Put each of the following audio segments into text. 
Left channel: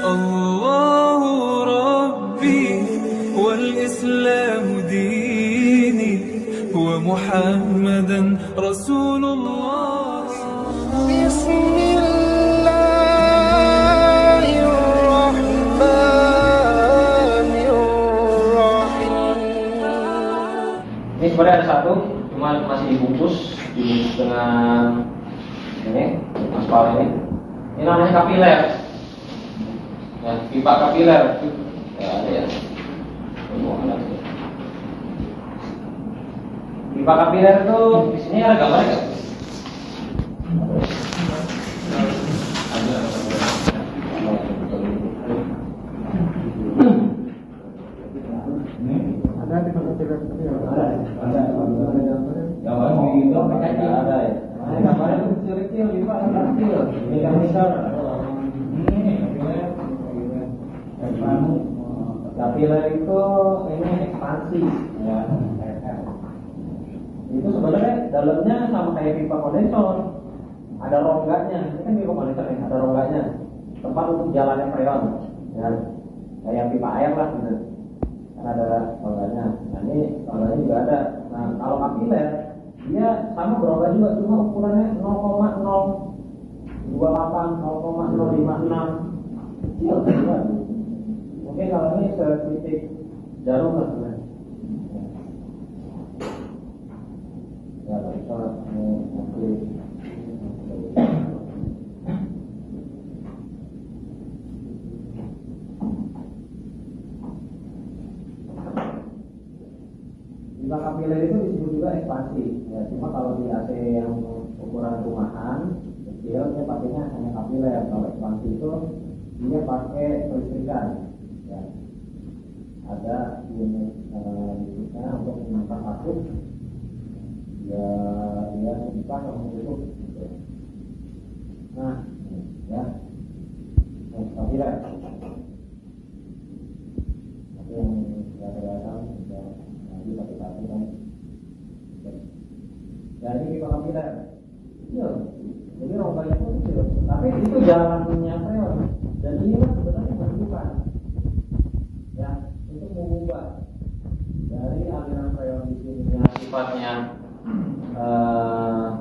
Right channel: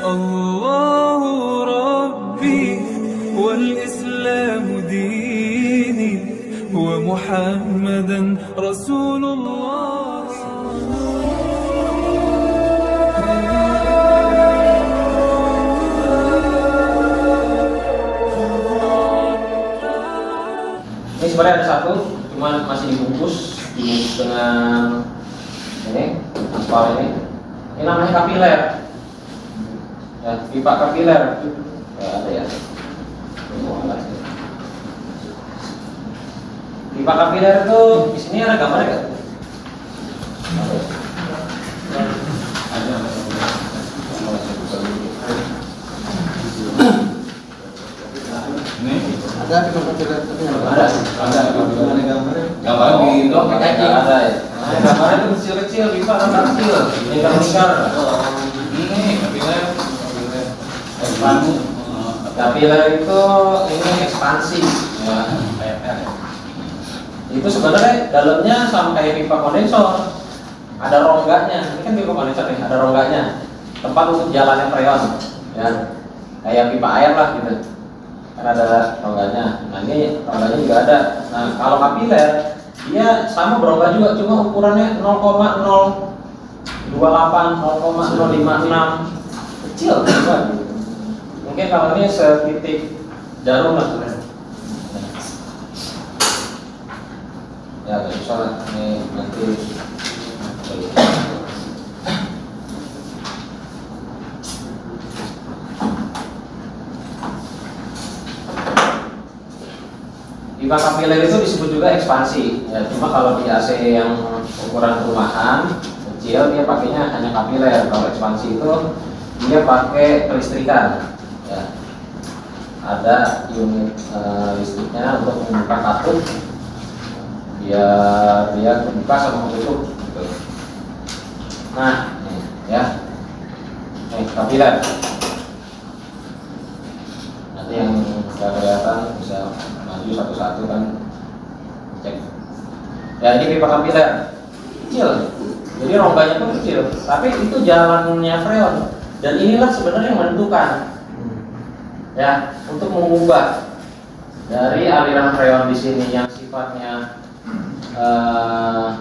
الله ربي والإسلام ديني ومحمدا رسول الله. Ini sebenarnya ada satu, cuman masih dibungkus dengan ini aspal ini. Ini namanya kapiler. Ya, pipa kapiler. Ya, ada ya. Pipa kapiler itu di sini ada gambarnya nggak? Ada. Ada pipa kapiler tapi Ada gambarnya di blok kayak ada ya. Nah, gambarnya itu kecil-kecil, pipa kecil. Lingkar-lingkar. Ini kapiler. Kapiler itu ini ekspansi. Ya, itu sebenarnya dalamnya sama kayak pipa kondensor. Ada rongganya. Ini kan pipa kondensor nih, ada rongganya. Tempat untuk jalannya freon. Ya. Kayak pipa air lah gitu. Kan ada rongganya. Nah, ini rongganya juga ada. Nah, kalau kapiler dia sama berongga juga, cuma ukurannya 0,028, 0,056, kecil juga. Mungkin kalau ini setitik jarum lah sebenarnya. Ya, nggak usah lah. Ini nanti. Pipa kapiler itu disebut juga ekspansi. Ya, cuma kalau di AC yang ukuran rumahan kecil dia pakainya hanya kapiler. Kalau ekspansi itu dia pakai kelistrikan. Ya. Ada unit listriknya untuk membuka katup. Biar dia terbuka sama tertutup. Gitu. Nah, ini, ya, ini kapiler. Nanti yang nggak kelihatan bisa satu-satu kan cek. Ya, ini pipa kapiler kecil, jadi rongganya pun kecil, tapi itu jalannya freon, dan inilah sebenarnya yang menentukan ya untuk mengubah dari aliran freon di sini yang sifatnya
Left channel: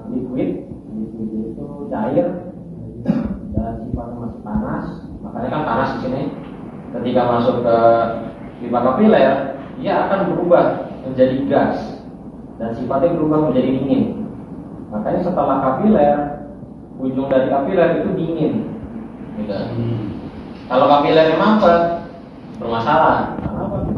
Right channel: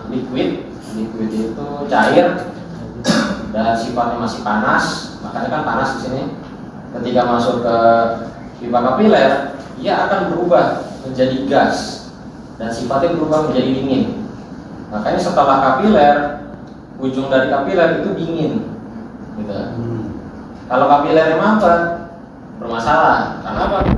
liquid itu cair dan sifatnya masih panas, makanya kan panas di sini. Ketika masuk ke pipa kapiler, dia akan berubah menjadi gas dan sifatnya berubah menjadi dingin. Makanya setelah kapiler, ujung dari kapiler itu dingin, gitu. Kalau kapilernya mampet, bermasalah. Karena apa?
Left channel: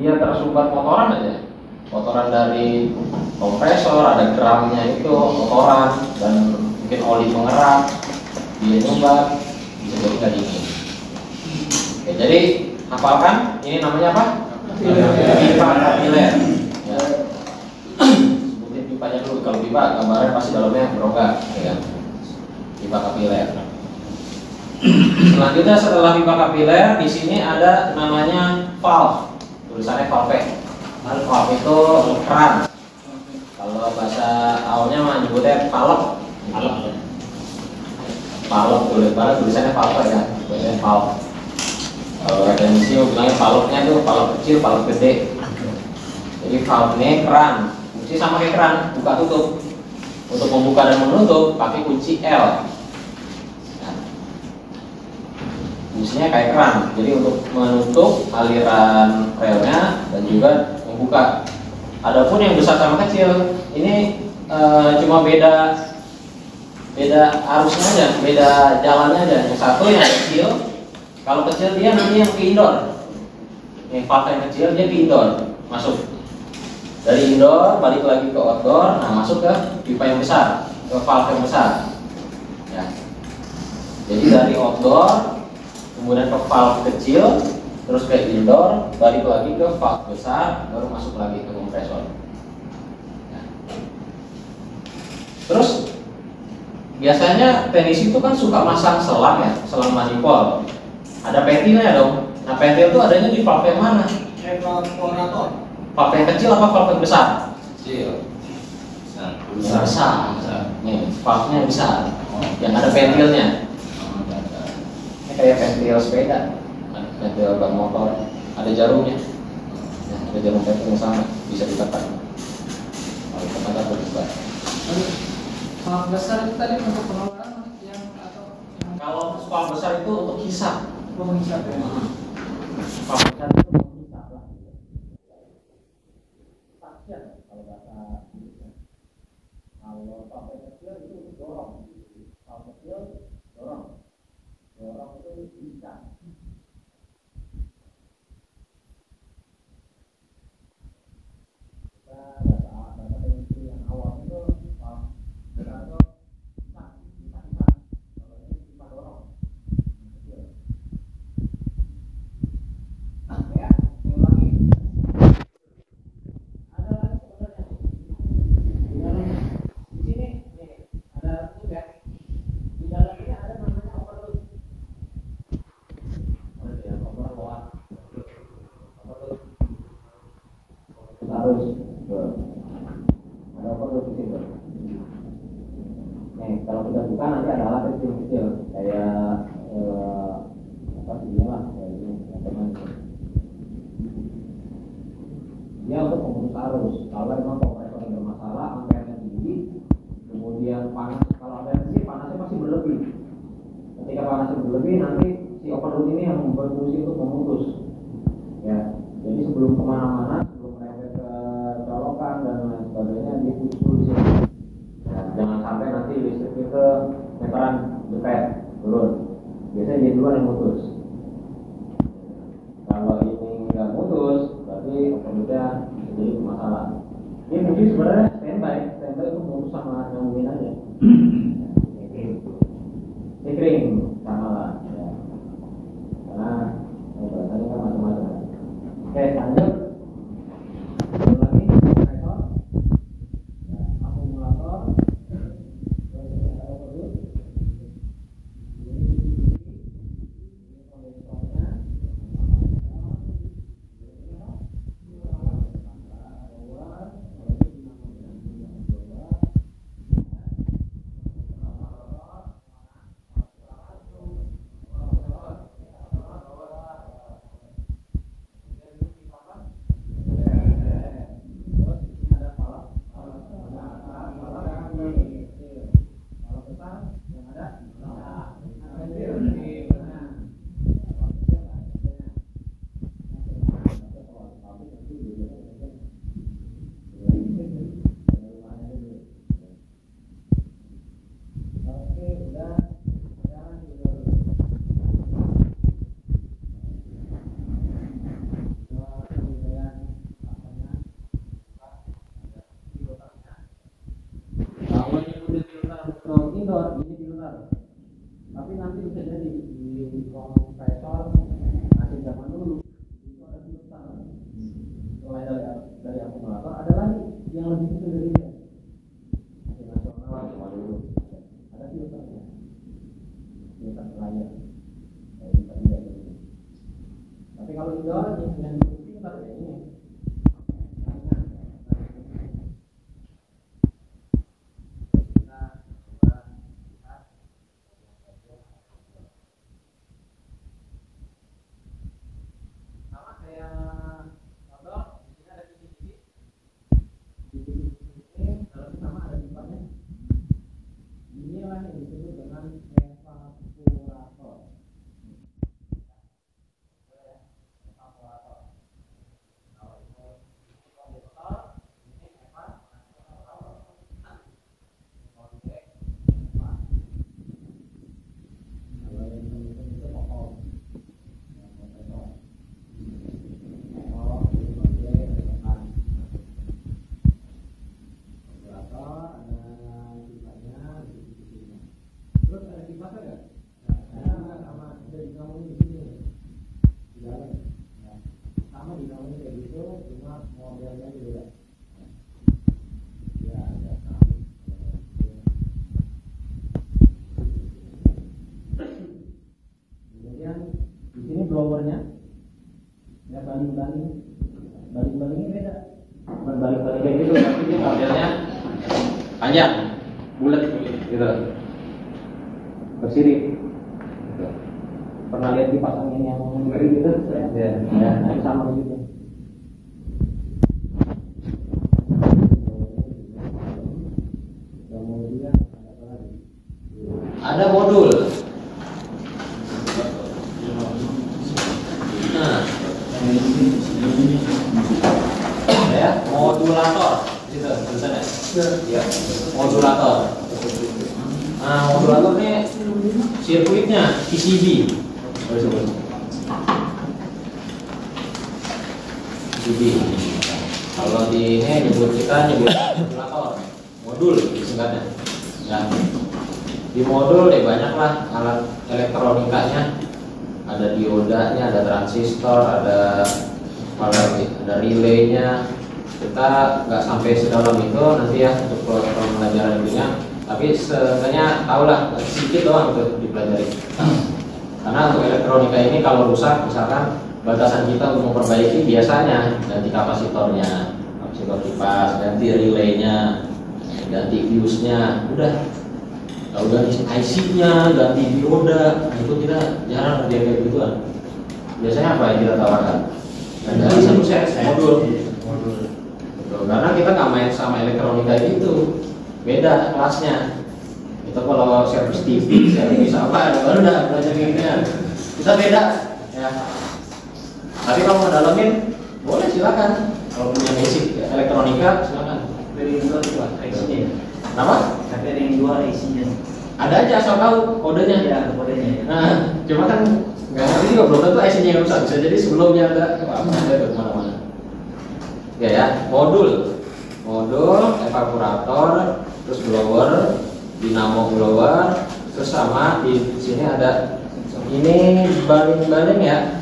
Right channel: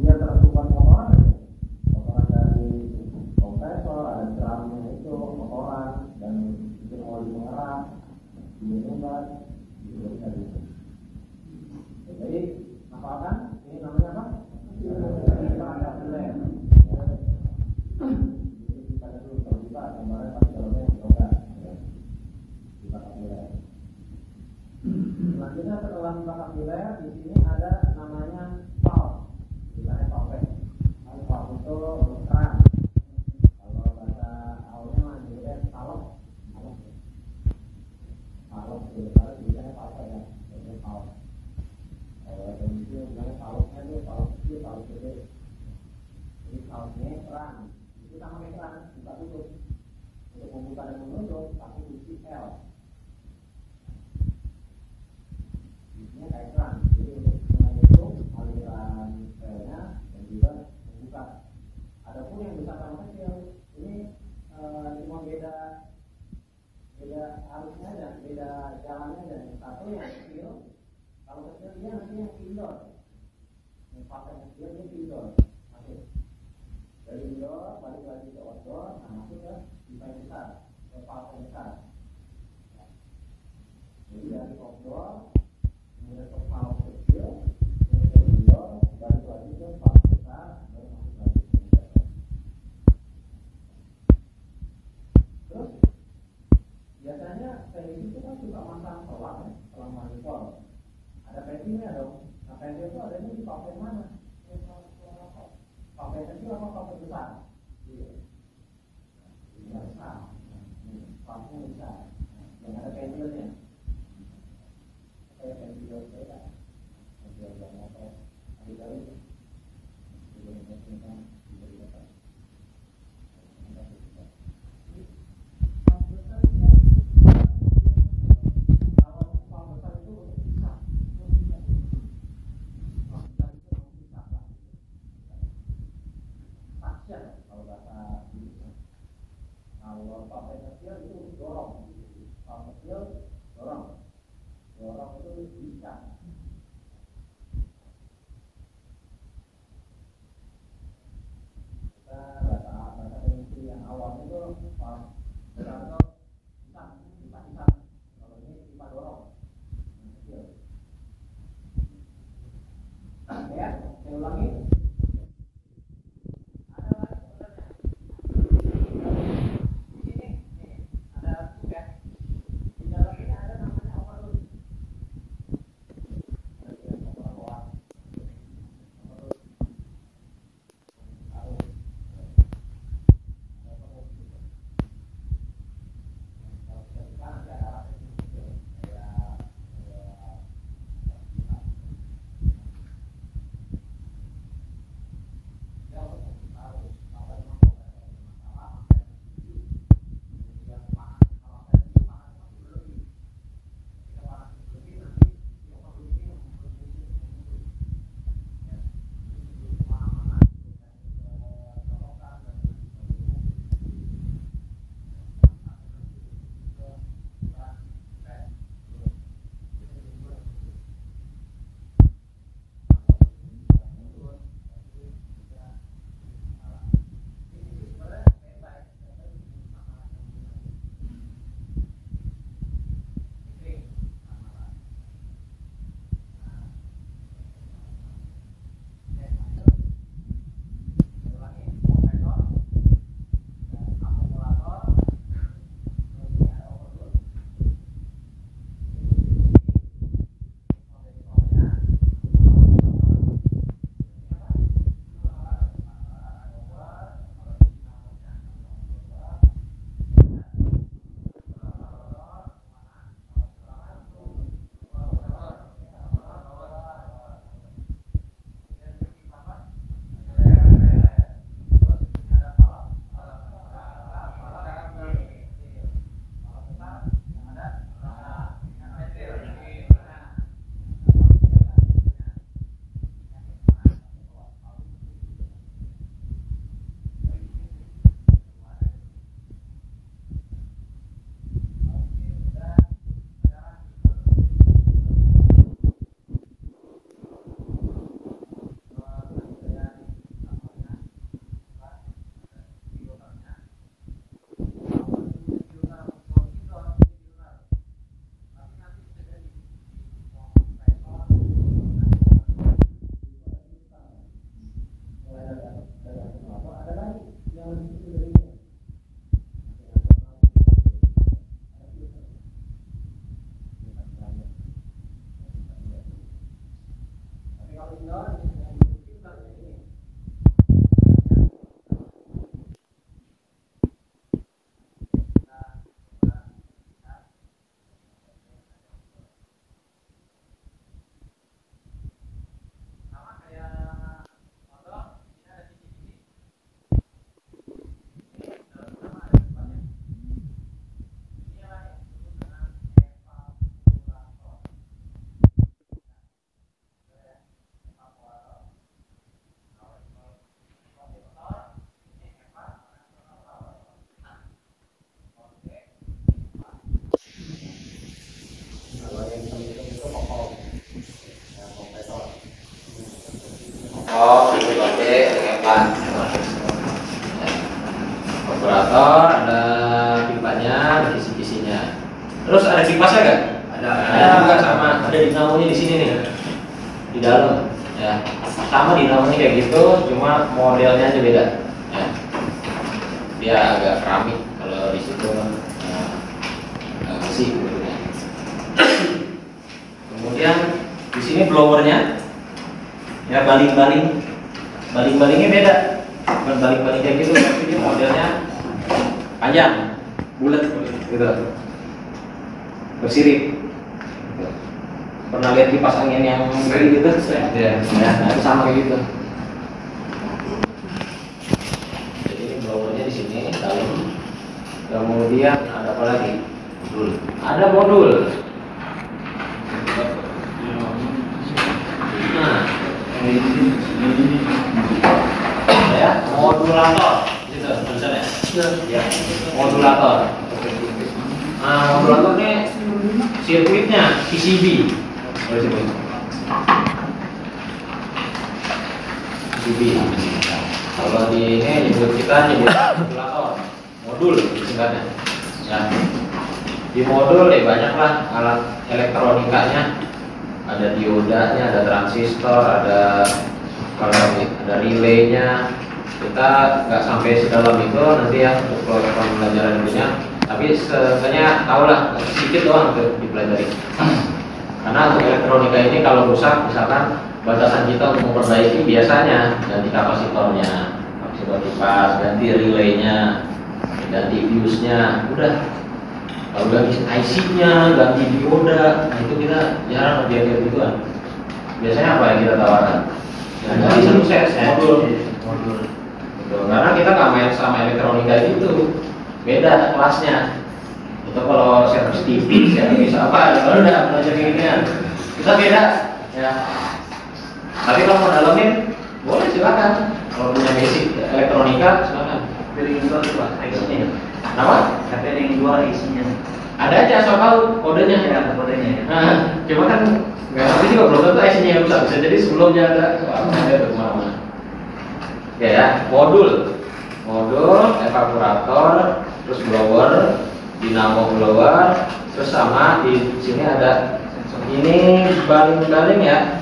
Dia tersumbat kotoran aja, kotoran dari kompresor, ada geramnya itu kotoran dan mungkin oli mengerak, dia nyumbat, bisa jadi nggak dingin. Oke, jadi hafalkan, ini namanya apa? Pipa kapiler. Ya. Sebutin pipanya dulu. Kalau pipa gambarnya pasti dalamnya berongga, ya. Pipa kapiler. Selanjutnya setelah pipa kapiler, di sini ada namanya valve. Tulisannya valve. Valve itu keran. Kalau bahasa awalnya mah nyebutnya valve. Valve tulisannya valve ya. Tulisannya valve. Kalau teknisi bilangnya valve-nya tuh valve kecil, valve gede. Jadi valve ini keran, fungsi sama kayak keran, buka tutup. Untuk membuka dan menutup pakai kunci L. Nah, fungsinya kayak keran, jadi untuk menutup aliran relnya dan juga membuka. Adapun yang besar sama kecil ini cuma beda arusnya aja, beda jalannya aja. Yang satu yang kecil. Kalau kecil dia nanti yang ke indoor. Yang valve yang kecil dia ke indoor, masuk. Dari indoor balik lagi ke outdoor, nah masuk ke pipa yang besar, ke valve yang besar. Ya. Jadi dari outdoor kemudian ke valve kecil, terus ke indoor, balik lagi ke valve besar, baru masuk lagi ke kompresor. Ya. Terus biasanya teknisi itu kan suka masang selang ya, selang manifold. Ada pentilnya dong. Nah, pentil itu adanya di valve yang mana? Valve yang kecil apa valve yang besar? kecil. Besar. Nih, valve-nya yang besar. Yang ada pentilnya. Ini kayak ventil sepeda, ventil ban motor, ada jarumnya. Nah, ada jarum ventil yang sama, bisa ditekan. Kalau tekan tak berubah. Soal besar itu tadi untuk penolakan yang atau Kalau spal besar itu untuk hisap. menghisap ya. Spal besar itu untuk hisap lah. Pasien kalau bahasa Inggrisnya. Kalau sampai kecil itu untuk dorong. Spal kecil dorong. Dorong itu bisa. Kita bahasa Inggris yang awam itu spal besar itu bisa. Kalau ini bisa dorong. Yang kecil. Ya, yang lagi. Ada lagi sebenarnya. Di sini, nih, ada tube ya. Di dalam ini ada namanya overload. Ada dia overload. Overload. Harus. Ada overload di situ. Nih, kalau kita buka nanti ada alat kecil-kecil kayak apa sih dia lah, kayak ini, teman. Dia untuk memutus arus. Kalau memang kompresor yang bermasalah, ampernya tinggi, kemudian panas. Kalau ada sih panasnya masih berlebih. Ketika panasnya berlebih, nanti si overload ini yang berfungsi untuk memutus. Ya, jadi sebelum kemana-mana, sebelum merembet ke colokan dan lain sebagainya, dia putus dulu di sini. Ya, jangan sampai nanti listrik itu meteran depet turun. Biasanya dia duluan yang putus. Kalau ini nggak putus, berarti overloadnya jadi masalah. Ini mungkin sebenarnya standby itu putus sama nyambungin aja. Kering sama lah. Ya. Karena bahasanya kan macam-macam. Oke, lanjut. Lagi kompresor, ya, akumulator, terus ini ada overload. Tapi nanti bisa jadi di kompresor nanti zaman dulu itu ada filter. Selain dari akumulator ada lagi yang lebih kecil dari itu. Nasional cuma dulu ada filternya. Filter layar. Tapi kalau indoor yang filter ya ini. Oh, ini pakai evan. Operator ada pipanya, kisi-kisinya. Terus ada kipasnya nggak? Ada juga sama. Ada dinamonya di sini nih, di dalam. Ya, sama dinamonya kayak gitu, cuma modelnya aja beda. Ya. Dia agak keramik kalau di situ besi. Kemudian di sini blowernya. Ya baling-balingnya beda, bukan baling-baling kayak gitu, tapi dia modelnya panjang, bulat gitu, bersirip. Gitu. Pernah lihat kipas angin yang kayak gitu? Ya, nah itu sama kayak gitu. Jadi blowernya di sini dalam. Kemudian ada apa lagi? Ada modul. Nah, ya, modulator. Gitu, tulisannya. Ya, modulator. Nah, modulator ini sirkuitnya PCB. PCB. Kalau di ini kita nyebut modulator, modul singkatnya. Ya. Di modul banyaklah alat elektronikanya. Ada diodanya, ada transistor, ada relaynya. Kita nggak sampai sedalam itu nanti ya untuk pembelajaran dulunya. Tapi setidaknya tahulah sedikit doang untuk dipelajari. Karena untuk elektronika ini kalau rusak, misalkan batasan kita untuk memperbaiki biasanya ganti kapasitornya, kapasitor kipas, ganti relaynya, ganti fuse-nya, udah. Kalau ganti IC-nya, ganti dioda, nah itu kita jarang kerja kayak gituan. Biasanya apa yang kita tawarkan? Ganti satu set modul. Betul. Karena kita nggak main sama elektronika gitu, beda kelasnya. Itu kalau servis TV, servis apa, ya udah belajar ginian. Bisa beda, ya. Tapi kalau mau dalamin, boleh silakan. Kalau punya basic elektronika, silakan. Dari luar itu IC-nya. Kenapa? Tapi yang luar IC-nya. Ada aja asal tahu kodenya. Ya, kodenya. Nah, cuma kan nggak ngerti juga belum tentu IC-nya yang rusak. Bisa jadi sebelumnya ada tuh kemana-mana. Ya, modul, evaporator, terus blower, dinamo blower, terus sama di sini ada ini baling-baling ya,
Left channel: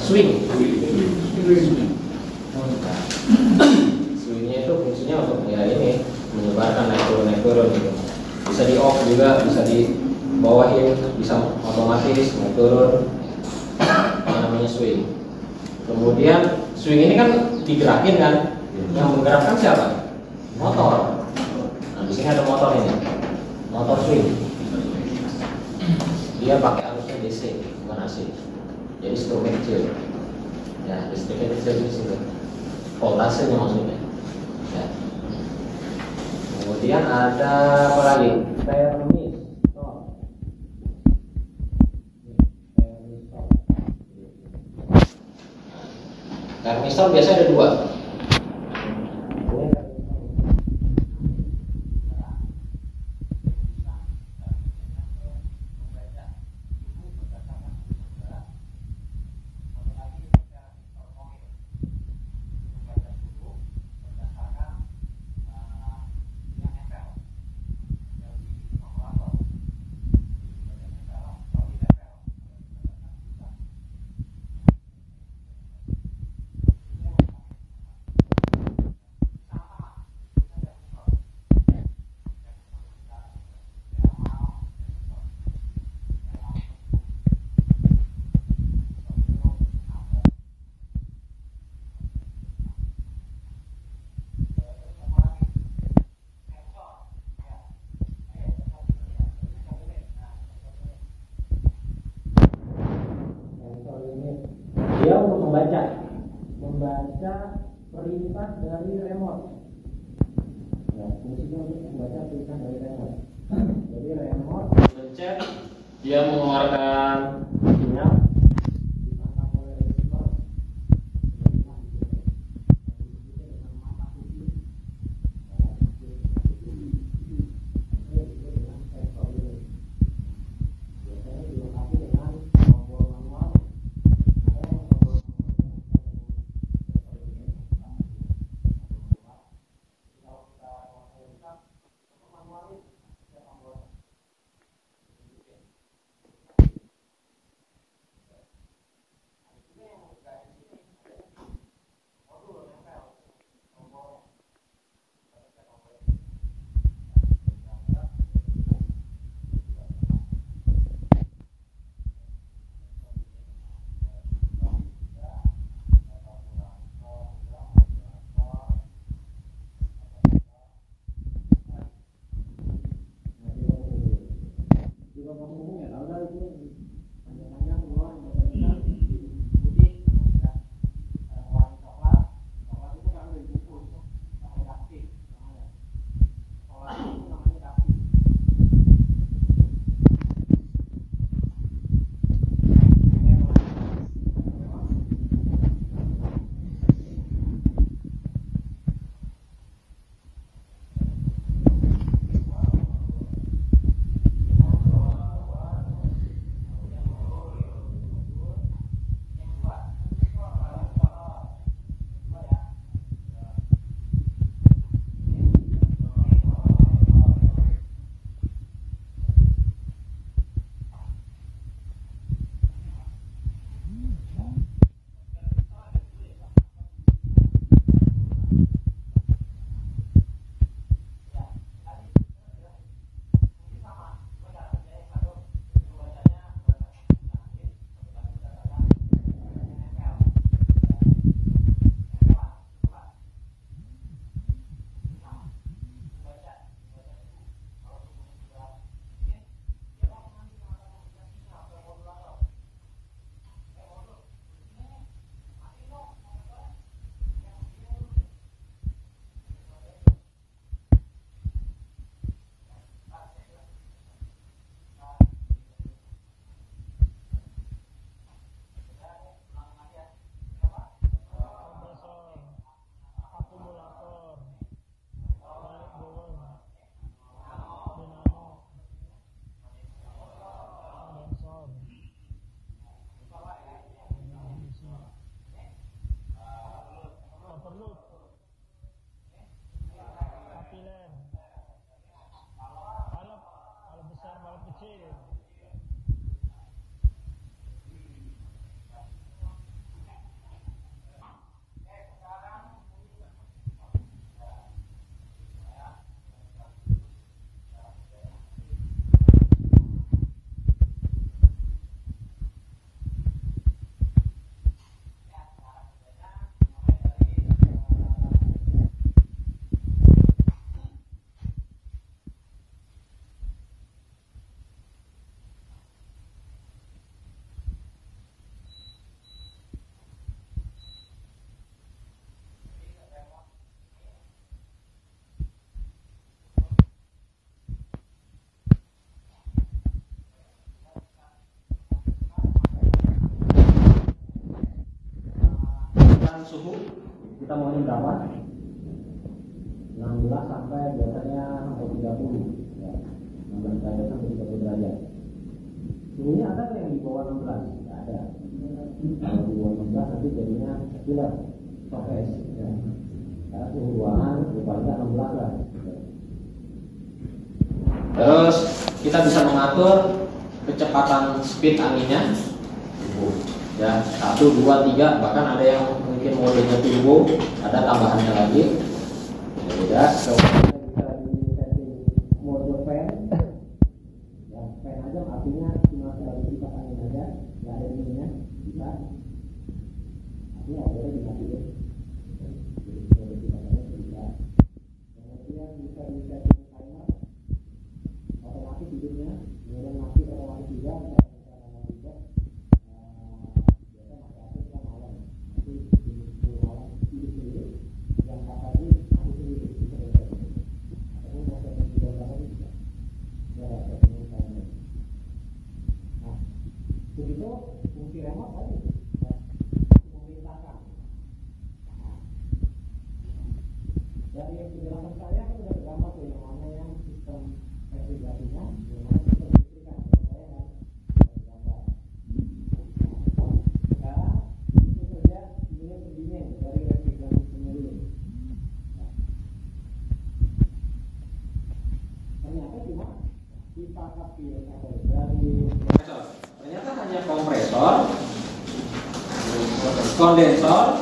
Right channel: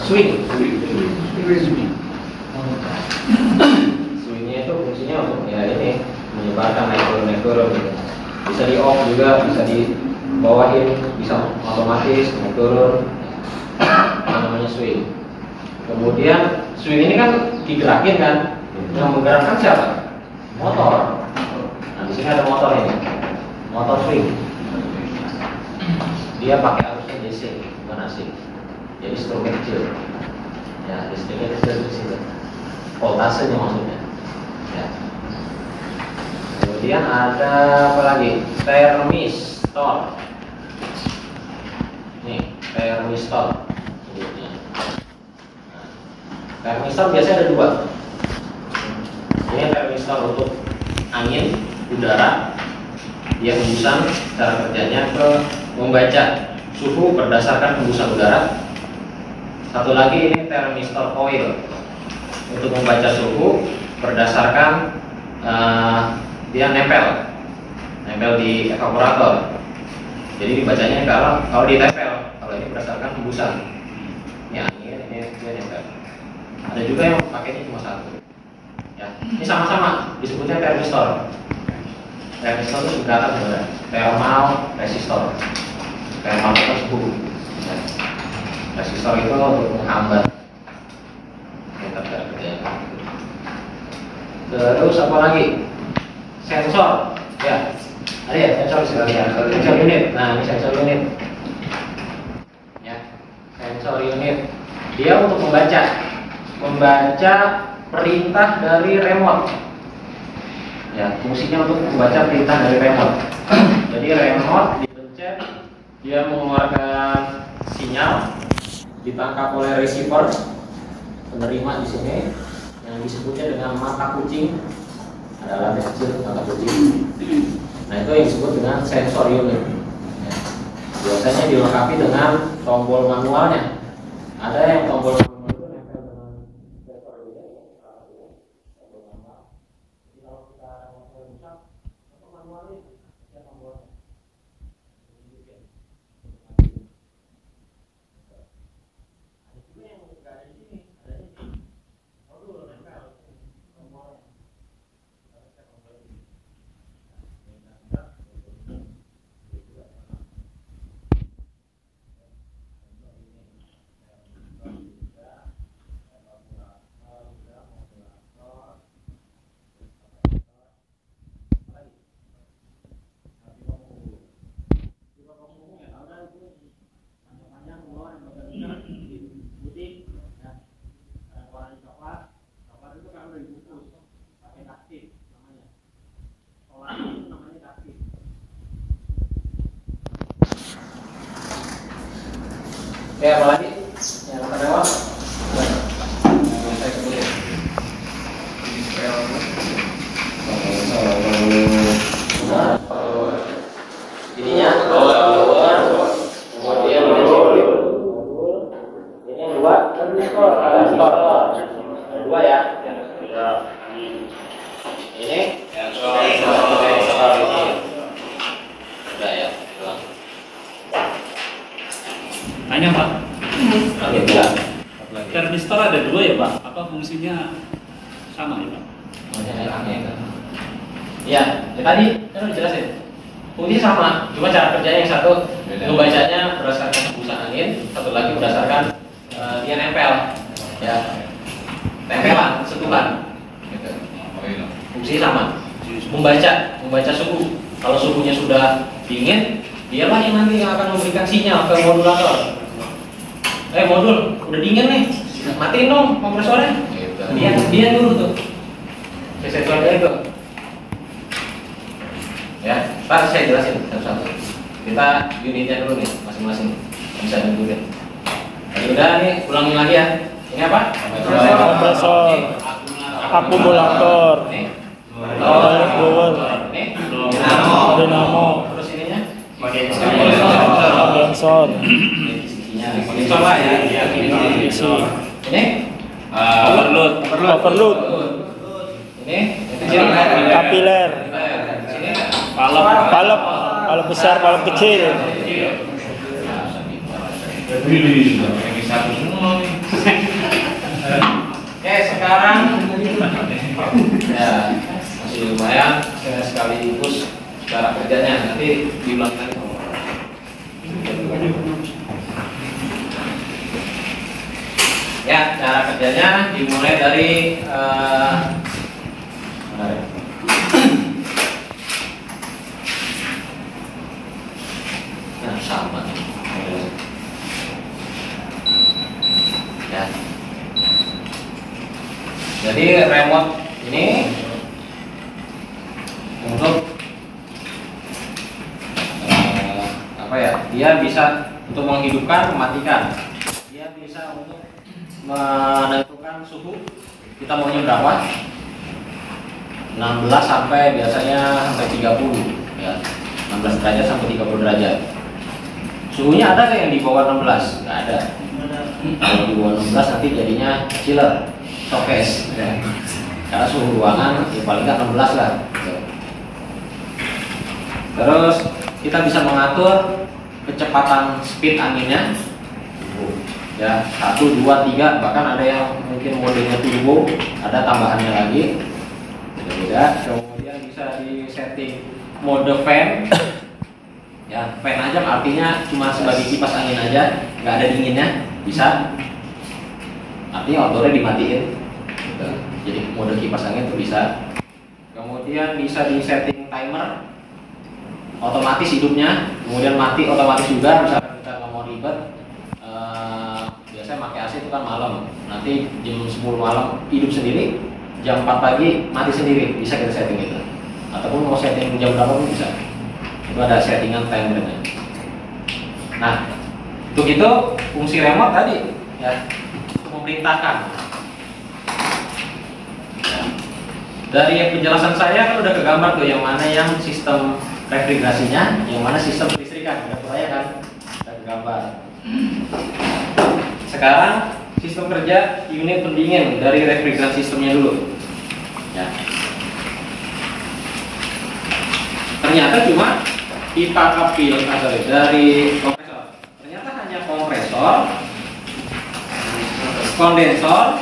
swing. Swingnya itu fungsinya untuk ya ini menyebarkan naik turun gitu. Bisa di off juga, bisa dibawahin, bisa otomatis naik turun. Namanya swing. Kemudian swing ini kan digerakin kan, yang menggerakkan siapa? Motor. Nah di sini ada motor ini, motor swing. Dia pakai arusnya DC, bukan AC. Jadi stroke kecil. Ya, listriknya kecil di situ. Voltasenya maksudnya. Ya. Kemudian ada apa lagi? Termistor. Nih, termistor. Termistor biasanya ada dua. Ini termistor untuk angin, udara. Dia hembusan, cara kerjanya ke membaca suhu berdasarkan hembusan udara. Satu lagi ini termistor coil untuk membaca suhu berdasarkan dia nempel di evaporator. Jadi dibacanya kalau ditempel, kalau ini berdasarkan hembusan. Ini angin, ini dia nempel. Ada juga yang pakainya cuma satu. Ya, ini sama-sama disebutnya termistor. Termistor itu singkatan sebenarnya. Thermal resistor. Thermal itu suhu. Ya. Resistor itu untuk menghambat. Terus apa lagi? Sensor. Ya. Ada ya sensor sekalian. Sensor unit. Nah, ini sensor unit. Ya. Sensor unit. Dia untuk membaca perintah dari remote. Ya, fungsinya untuk membaca perintah dari remote. Jadi remote dipencet, dia mengeluarkan sinyal, ditangkap oleh receiver, penerima di sini, yang disebutnya dengan mata kucing. Ada alatnya kecil, mata kucing. Nah itu yang disebut dengan sensor unit. Ya. Biasanya dilengkapi dengan tombol manualnya. Ada yang tombol manual itu nempel dengan sensor unit. Jadi kalau kita mau rusak, tombol manual itu ada tombol. Ada juga yang nggak ada di sini, ada di modul nempel tombol. Oke, apa lagi? Yang akan lewat? Saya sebutin. Ininya kemudian ini dua ya. Ini udah ya. Tanya Pak, Oke, ya. termistor ada dua ya Pak? Apa fungsinya sama ya Pak? Iya, ya tadi kan udah jelasin. Fungsinya sama, cuma cara kerjanya yang satu membacanya berdasarkan hembusan angin, satu lagi berdasarkan dia nempel, ya tempelan, sentuhan. Gitu. Fungsinya sama. Membaca suhu. Kalau suhunya sudah dingin, dialah yang nanti yang akan memberikan sinyal ke modulator. Modul, udah dingin nih, matiin dong kompresornya. Dia dulu tuh. Saya coba itu. Ya, ntar saya jelasin satu-satu. Kita unitnya dulu nih, masing-masing bisa diikutin. Tadi udah nih, ulangin lagi ya. Ini apa? Kompresor, akumulator, blower, dinamo, Terus ininya? kondensor, Kondensor lah ya. DC, Ini? Overload. overload, Ini? Itu kapiler, sini? valve besar, valve kecil, Oke, sekarang ya masih lumayan sekaligus cara kerjanya nanti diulang lagi. Ya, cara kerjanya dimulai dari sama. Ya. Jadi remote ini untuk apa ya? Dia bisa untuk menghidupkan, mematikan. Dia bisa untuk menentukan suhu. Kita maunya berapa? 16 sampai biasanya sampai 30 ya. 16 derajat sampai 30 derajat. Suhunya ada nggak yang di bawah 16? Nggak ada. Kalau di bawah 16 nanti jadinya chiller, showcase ya. Karena suhu ruangan ya paling nggak 16 lah. Terus kita bisa mengatur kecepatan speed anginnya ya, 1, 2, 3, bahkan ada yang mungkin modenya turbo, ada tambahannya lagi. Beda. Kemudian bisa di setting mode fan. Ya, fan aja artinya cuma sebagai kipas angin aja, nggak ada dinginnya, bisa. Artinya outlornya dimatiin. Jadi mode kipas angin itu bisa. Kemudian bisa di setting timer, otomatis hidupnya, kemudian mati otomatis juga. Misalkan kita nggak mau ribet, biasanya pakai AC itu kan malam, nanti jam 10 malam hidup sendiri, jam 4 pagi mati sendiri, bisa kita setting itu. Ataupun mau setting jam berapa pun bisa. Itu ada settingan timernya. Nah, untuk itu fungsi remote tadi ya, untuk memerintahkan. Ya. Dari penjelasan saya kan udah kegambar tuh yang mana yang sistem refrigerasinya, yang mana sistem listrikan. Udah saya kan udah kegambar. Sekarang sistem kerja unit pendingin dari refrigeran sistemnya dulu. Ya. Ternyata cuma pipa kapil dari kompresor. Ternyata hanya kompresor, kondensor,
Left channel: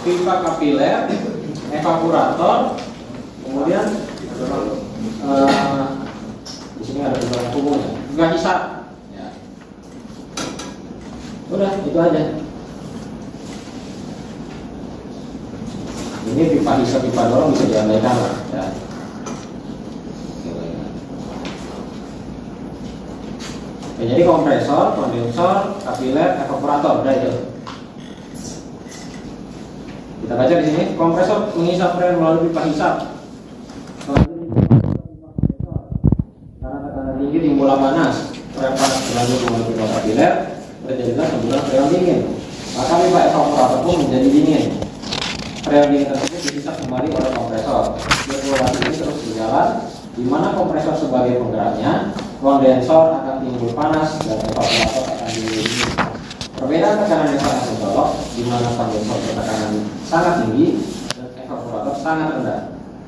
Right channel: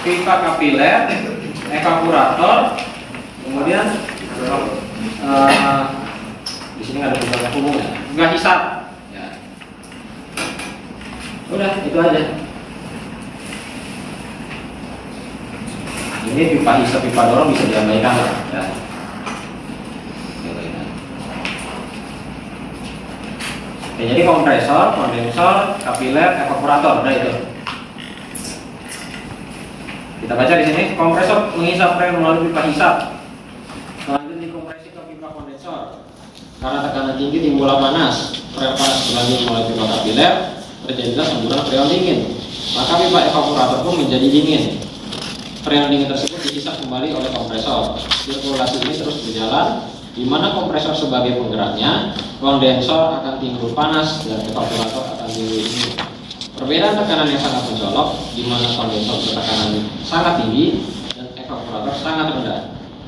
pipa kapiler, evaporator, kemudian di sini ada beberapa hubungan, juga hisap. Ya. Udah itu aja. Ini pipa hisap, pipa dorong bisa diabaikan lah. Ya. Oke, jadi kompresor, kondensor, kapiler, evaporator, udah itu. Kita baca di sini, kompresor menghisap rem melalui pipa hisap. Selanjutnya dikompresi ke pipa kondensor. Karena tekanan tinggi timbulah panas, rem panas berlanjut melalui pipa kapiler, terjadilah semburan freon dingin. Maka pipa evaporator pun menjadi dingin. Freon dingin tersebut dihisap kembali oleh kompresor. Sirkulasi ini terus berjalan, di mana kompresor sebagai penggeraknya, kondensor akan timbul panas dan evaporator akan dingin. Perbedaan tekanan yang sangat mencolok, di mana kondensor bertekanan sangat tinggi dan evaporator sangat rendah.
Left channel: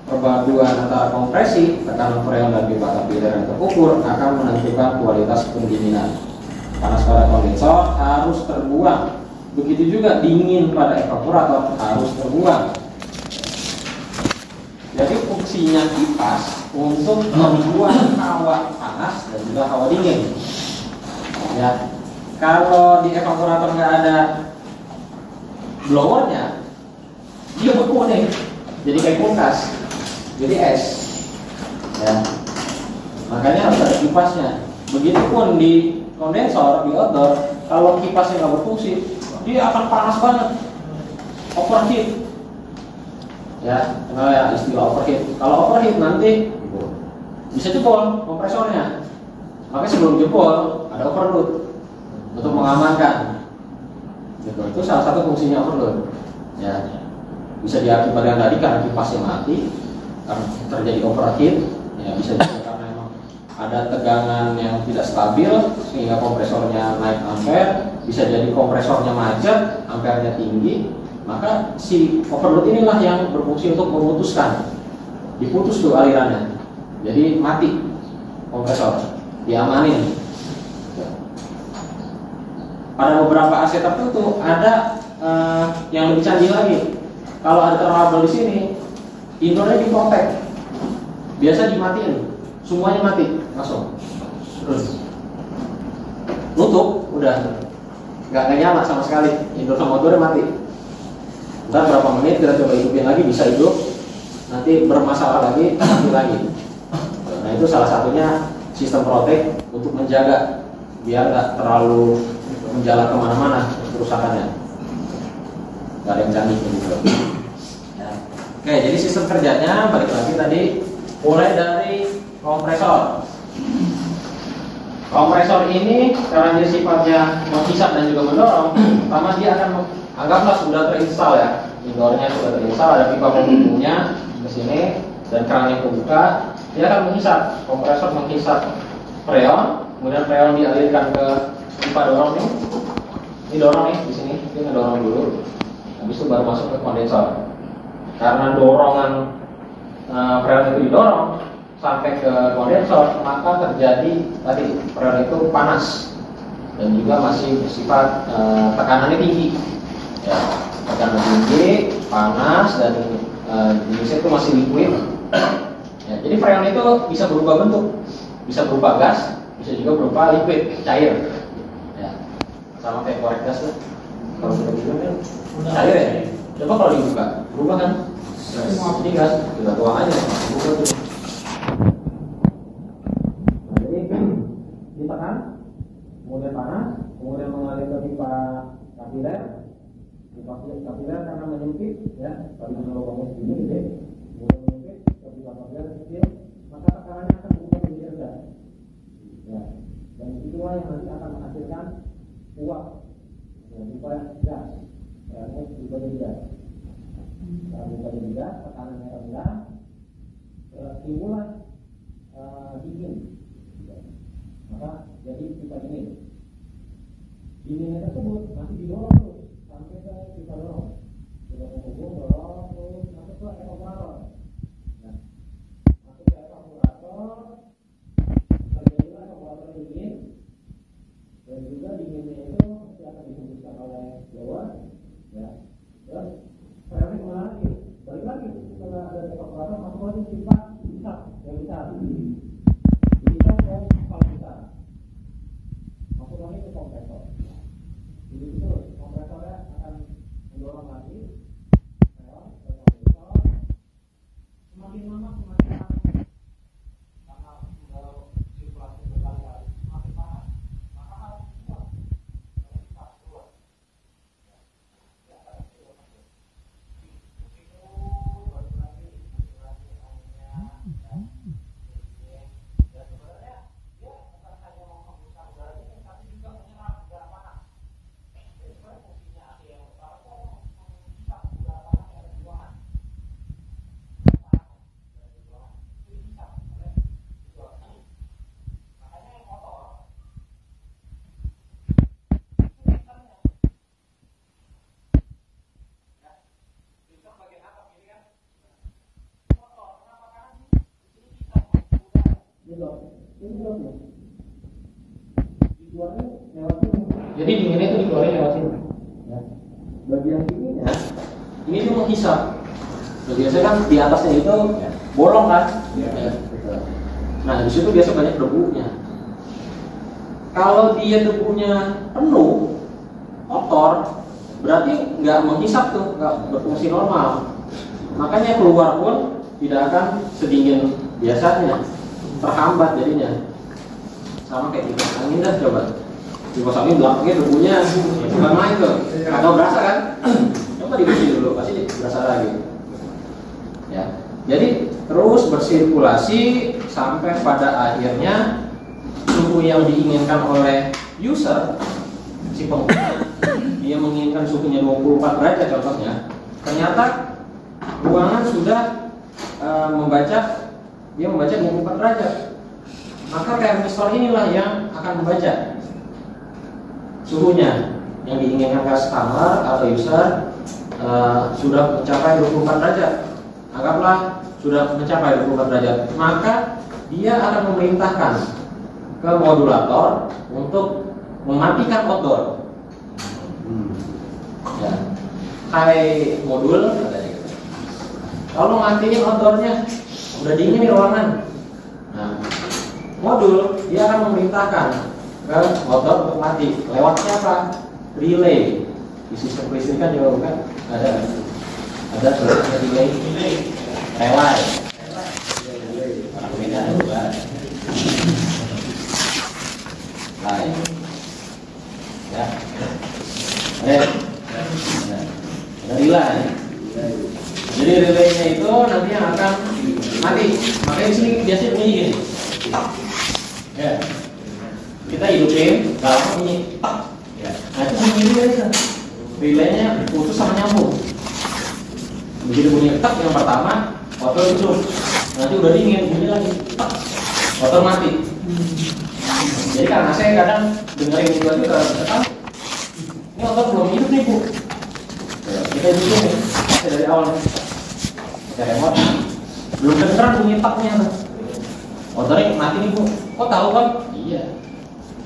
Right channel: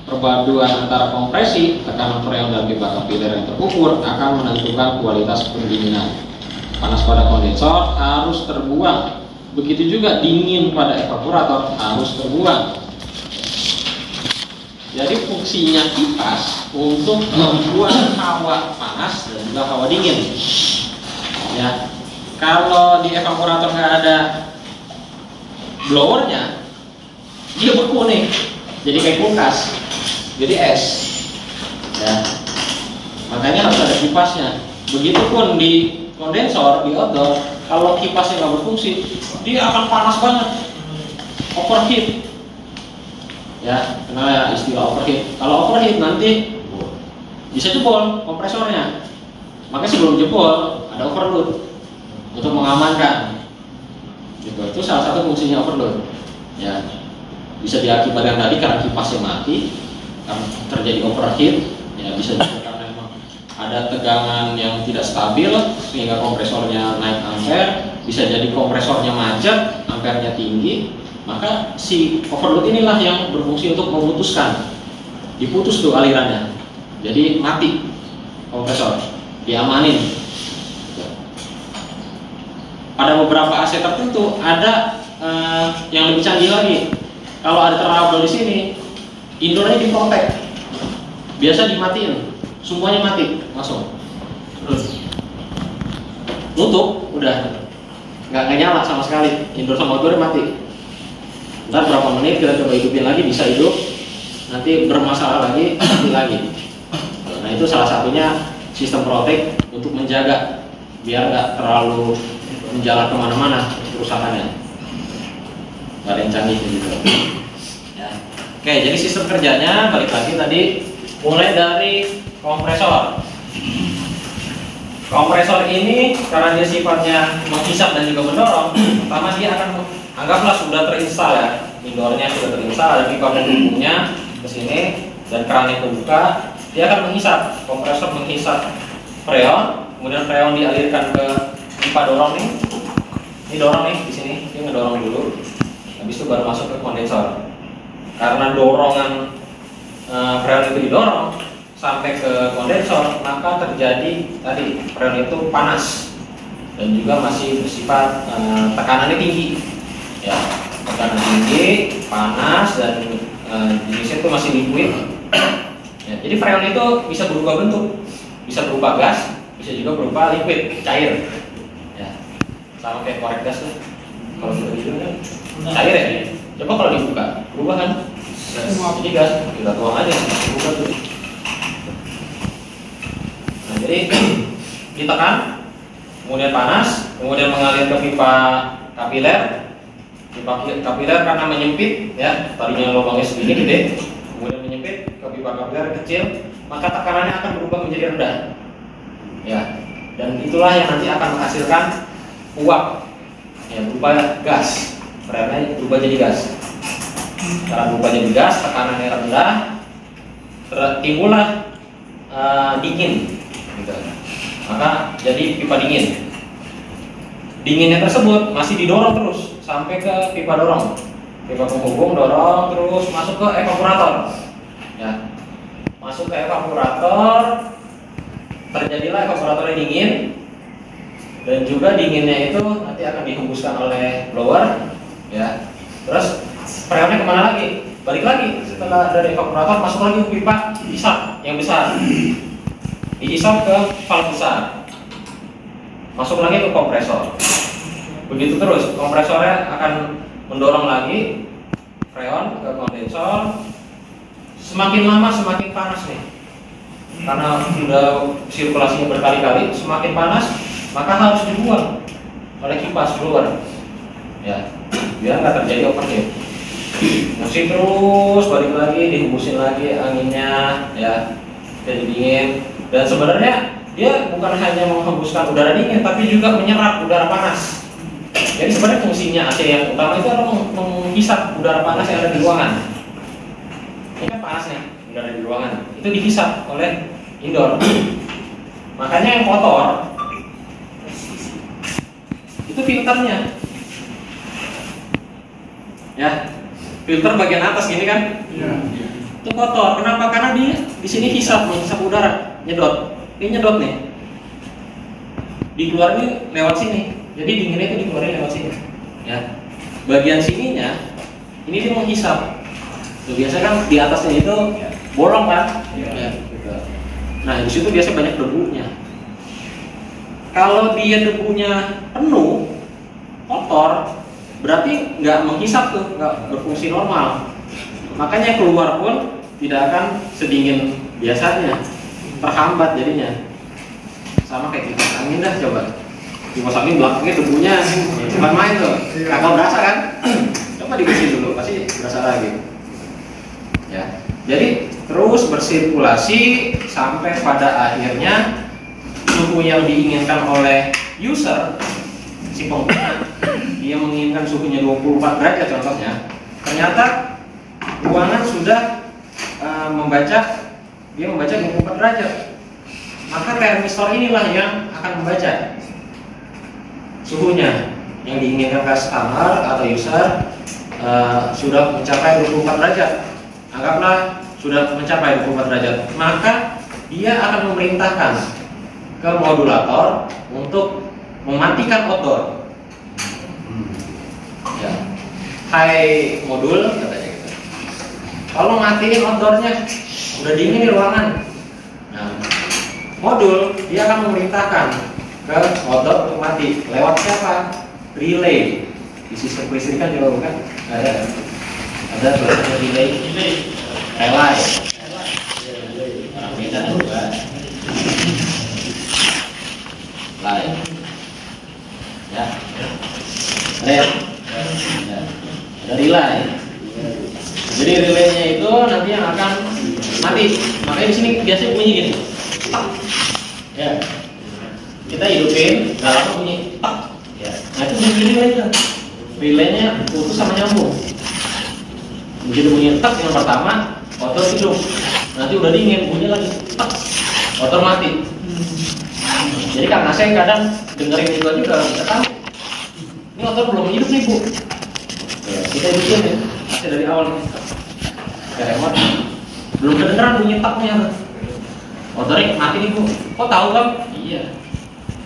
Perpaduan antara kompresi, tekanan freon dan pipa kapiler yang terukur akan menentukan kualitas pendinginan. Panas pada kondensor harus terbuang, begitu juga dingin pada evaporator harus terbuang. Jadi fungsinya kipas untuk membuang hawa panas dan juga hawa dingin. Ya, kalau di evaporator nggak ada blowernya, dia beku nih, jadi kayak kulkas, jadi es. Ya, makanya harus ada kipasnya. Begitupun di kondensor, di outdoor, kalau kipasnya nggak berfungsi, dia akan panas banget, overheat. Ya, kenal ya istilah overheat. Kalau overheat nanti bisa jebol kompresornya. Maka sebelum jebol ada overload untuk mengamankan. Gitu. Itu salah satu fungsinya overload. Ya, bisa diakibatkan tadi karena kipasnya mati, karena terjadi overheat. Ya, bisa juga karena memang ada tegangan yang tidak stabil sehingga kompresornya naik ampere. Bisa jadi kompresornya macet, ampernya tinggi. Maka si overload inilah yang berfungsi untuk memutuskan, diputus tuh alirannya, jadi mati kompresor, diamanin. Pada beberapa AC tertentu ada yang lebih canggih lagi. Kalau ada trouble di sini, indornya diprotek, biasa dimatiin, semuanya mati langsung, nutup, udah nggak nyala sama sekali, indor sama outdoor mati. Ntar berapa menit kita coba hidupin lagi, bisa hidup, nanti bermasalah lagi, mati lagi. Nah itu salah satunya sistem protek untuk menjaga biar nggak terlalu menjalar kemana-mana kerusakannya. Nggak ada yang canggih gitu. Ya. Oke, jadi sistem kerjanya balik lagi tadi, mulai dari kompresor. Kompresor ini karena dia sifatnya menghisap dan juga mendorong, pertama dia akan anggaplah sudah terinstal ya, indoornya sudah terinstal, ada pipa penghubungnya ke sini dan kerannya terbuka, dia akan menghisap, kompresor menghisap freon, kemudian freon dialirkan ke pipa dorong nih, ini dorong nih di sini, ini ngedorong dulu, habis itu baru masuk ke kondensor. Karena dorongan freon itu didorong sampai ke kondensor, maka terjadi tadi freon itu panas dan juga masih bersifat tekanannya tinggi. Ya, tekanan tinggi, panas dan jenisnya itu masih liquid. Ya, jadi freon itu bisa berubah bentuk, bisa berupa gas, bisa juga berupa liquid, cair. Ya, sama kayak korek gas tuh. Kalau kita bikin kan cair ya. Coba kalau dibuka, berubah kan? Jadi gas, kita tuang aja, berubah tuh. Nah, jadi ditekan, kemudian panas, kemudian mengalir ke pipa kapiler. Pipa kapiler karena menyempit, ya tadinya lubangnya segini gede, kemudian menyempit ke pipa kapiler kecil, maka tekanannya akan berubah menjadi rendah, ya. Dan itulah yang nanti akan menghasilkan uap, ya berupa gas, freonnya berubah jadi gas. Karena berubah jadi gas, tekanannya rendah, timbullah dingin, gitu. Maka jadi pipa dingin. Dinginnya tersebut masih didorong terus sampai ke pipa dorong, pipa penghubung dorong terus masuk ke evaporator. Ya, masuk ke evaporator, terjadilah evaporatornya dingin, dan juga dinginnya itu nanti akan dihembuskan oleh blower. Ya, terus freonnya kemana lagi? Balik lagi setelah dari evaporator masuk lagi ke pipa hisap yang besar, dihisap ke valve besar, masuk lagi ke kompresor. Begitu terus, kompresornya akan mendorong lagi freon ke kondensor. Semakin lama semakin panas nih, karena sudah sirkulasinya berkali-kali, semakin panas maka harus dibuang oleh kipas blower, ya biar nggak terjadi overheat. Masih terus balik lagi, dihembusin lagi anginnya, ya jadi dingin. Dan sebenarnya dia bukan hanya menghembuskan udara dingin, tapi juga menyerap udara panas. Jadi sebenarnya fungsinya AC yang utama itu adalah menghisap udara panas yang ada di ruangan. Ini kan panasnya udara di ruangan, itu dihisap oleh indoor. Makanya yang kotor itu filternya, ya, filter bagian atas gini kan, itu kotor. Kenapa? Karena dia di sini menghisap udara, nyedot. Ini nyedot nih, dikeluarin lewat sini. Jadi dinginnya itu dikeluarin lewat sini. Ya, bagian sininya ini dia menghisap. Tuh, biasa kan di atasnya itu bolong kan? Ya, gitu. Nah di situ biasa banyak debunya. Kalau dia debunya penuh, kotor, berarti nggak menghisap tuh, nggak berfungsi normal. Makanya keluar pun tidak akan sedingin biasanya, terhambat jadinya. Sama kayak kipas angin dah, coba. Kipas angin belakangnya debunya bukan main tuh, kagak berasa kan? Coba dibersihin dulu, pasti berasa lagi. Ya, jadi terus bersirkulasi sampai pada akhirnya suhu yang diinginkan oleh user, si pengguna, dia menginginkan suhunya 24 derajat contohnya. Ternyata ruangan sudah membaca 24 derajat. Maka termistor inilah yang akan membaca suhunya yang diinginkan customer atau user sudah mencapai 24 derajat. Anggaplah sudah mencapai 24 derajat, maka dia akan memerintahkan ke modulator untuk mematikan outdoor. Ya. Hai modul, katanya gitu. Kalau matiin outdoornya, udah dingin di ruangan. Nah, modul dia akan memerintahkan ke outdoor untuk mati. Lewat siapa? Relay. Di sistem kelistrikan juga bukan? Ada tulisannya relay. Relay. Orang beda juga. Lain. Ya. Ada relay. Jadi relaynya itu nanti yang akan mati. Makanya di sini biasanya bunyi gini. Ya. Kita hidupin, nggak lama bunyi. Ya. Nah itu bunyi relay. Relaynya putus sama nyambung. Begitu bunyi tak yang pertama, motor hidup. Nanti udah dingin, bunyi lagi tak, motor mati. Jadi karena saya kadang dengerin itu aja udah tahu. Ini motor belum hidup nih bu. Ya, kita hidupin nih, masih dari awal nih. Ke remote, belum kedengeran bunyi taknya. Motornya mati nih bu. Kok tahu kan? Iya.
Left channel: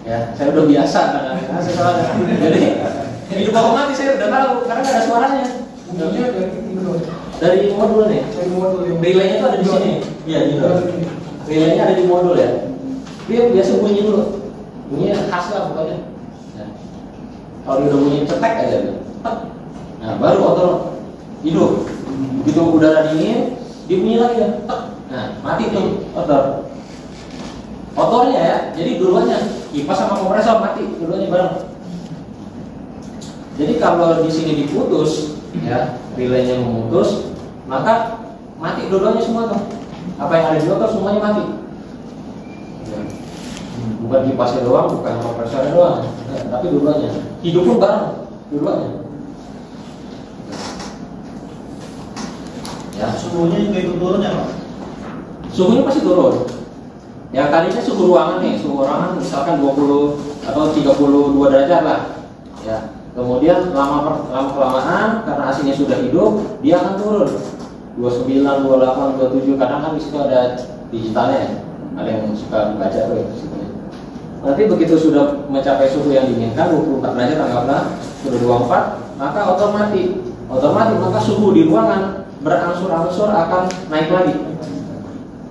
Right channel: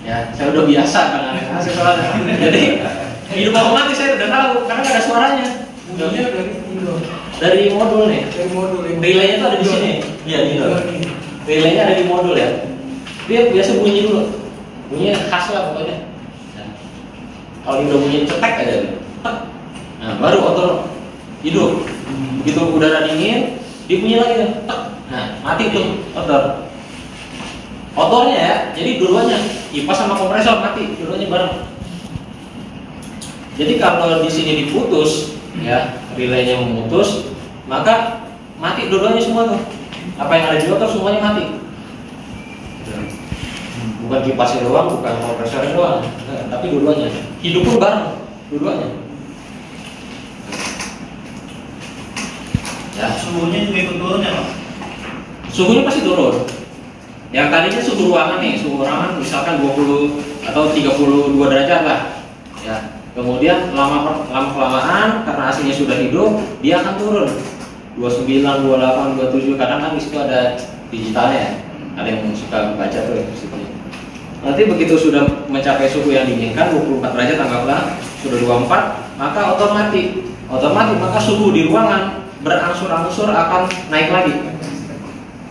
Ya, saya udah biasa dengan soalnya. Jadi hidup apa mati saya udah tahu karena nggak ada suaranya. Dari modul nih. Relaynya tuh ada di sini. Iya, gitu. Relaynya ada di modul ya. Dia biasa bunyi dulu. Bunyinya khas lah pokoknya. Nah, kalau dia udah bunyi cetek aja. Nah, baru motor hidup. Begitu udara dingin, dia bunyi lagi kan. Nah, mati tuh motor. Motornya ya. Jadi dua-duanya kipas sama kompresor mati, dua-duanya bareng. Jadi kalau di sini diputus, ya relaynya memutus, maka mati dua-duanya semua tuh. Apa yang ada di motor semuanya mati. Bukan kipasnya doang, bukan kompresornya doang, tapi dua-duanya. Hidup pun bareng, dua-duanya. Ya, Suhunya juga ikut turun ya, Pak? suhunya pasti turun. Yang tadinya suhu ruangan nih, suhu ruangan misalkan 20 atau 32 derajat lah. Ya. Kemudian lama kelamaan karena AC-nya sudah hidup, dia akan turun 29, 28, 27. Kadang kan di situ ada digitalnya ya. Ada yang suka baca tuh ya disitunya. Nanti begitu sudah mencapai suhu yang diinginkan 24 derajat anggaplah sudah 24, maka otomatis maka suhu di ruangan berangsur-angsur akan naik lagi.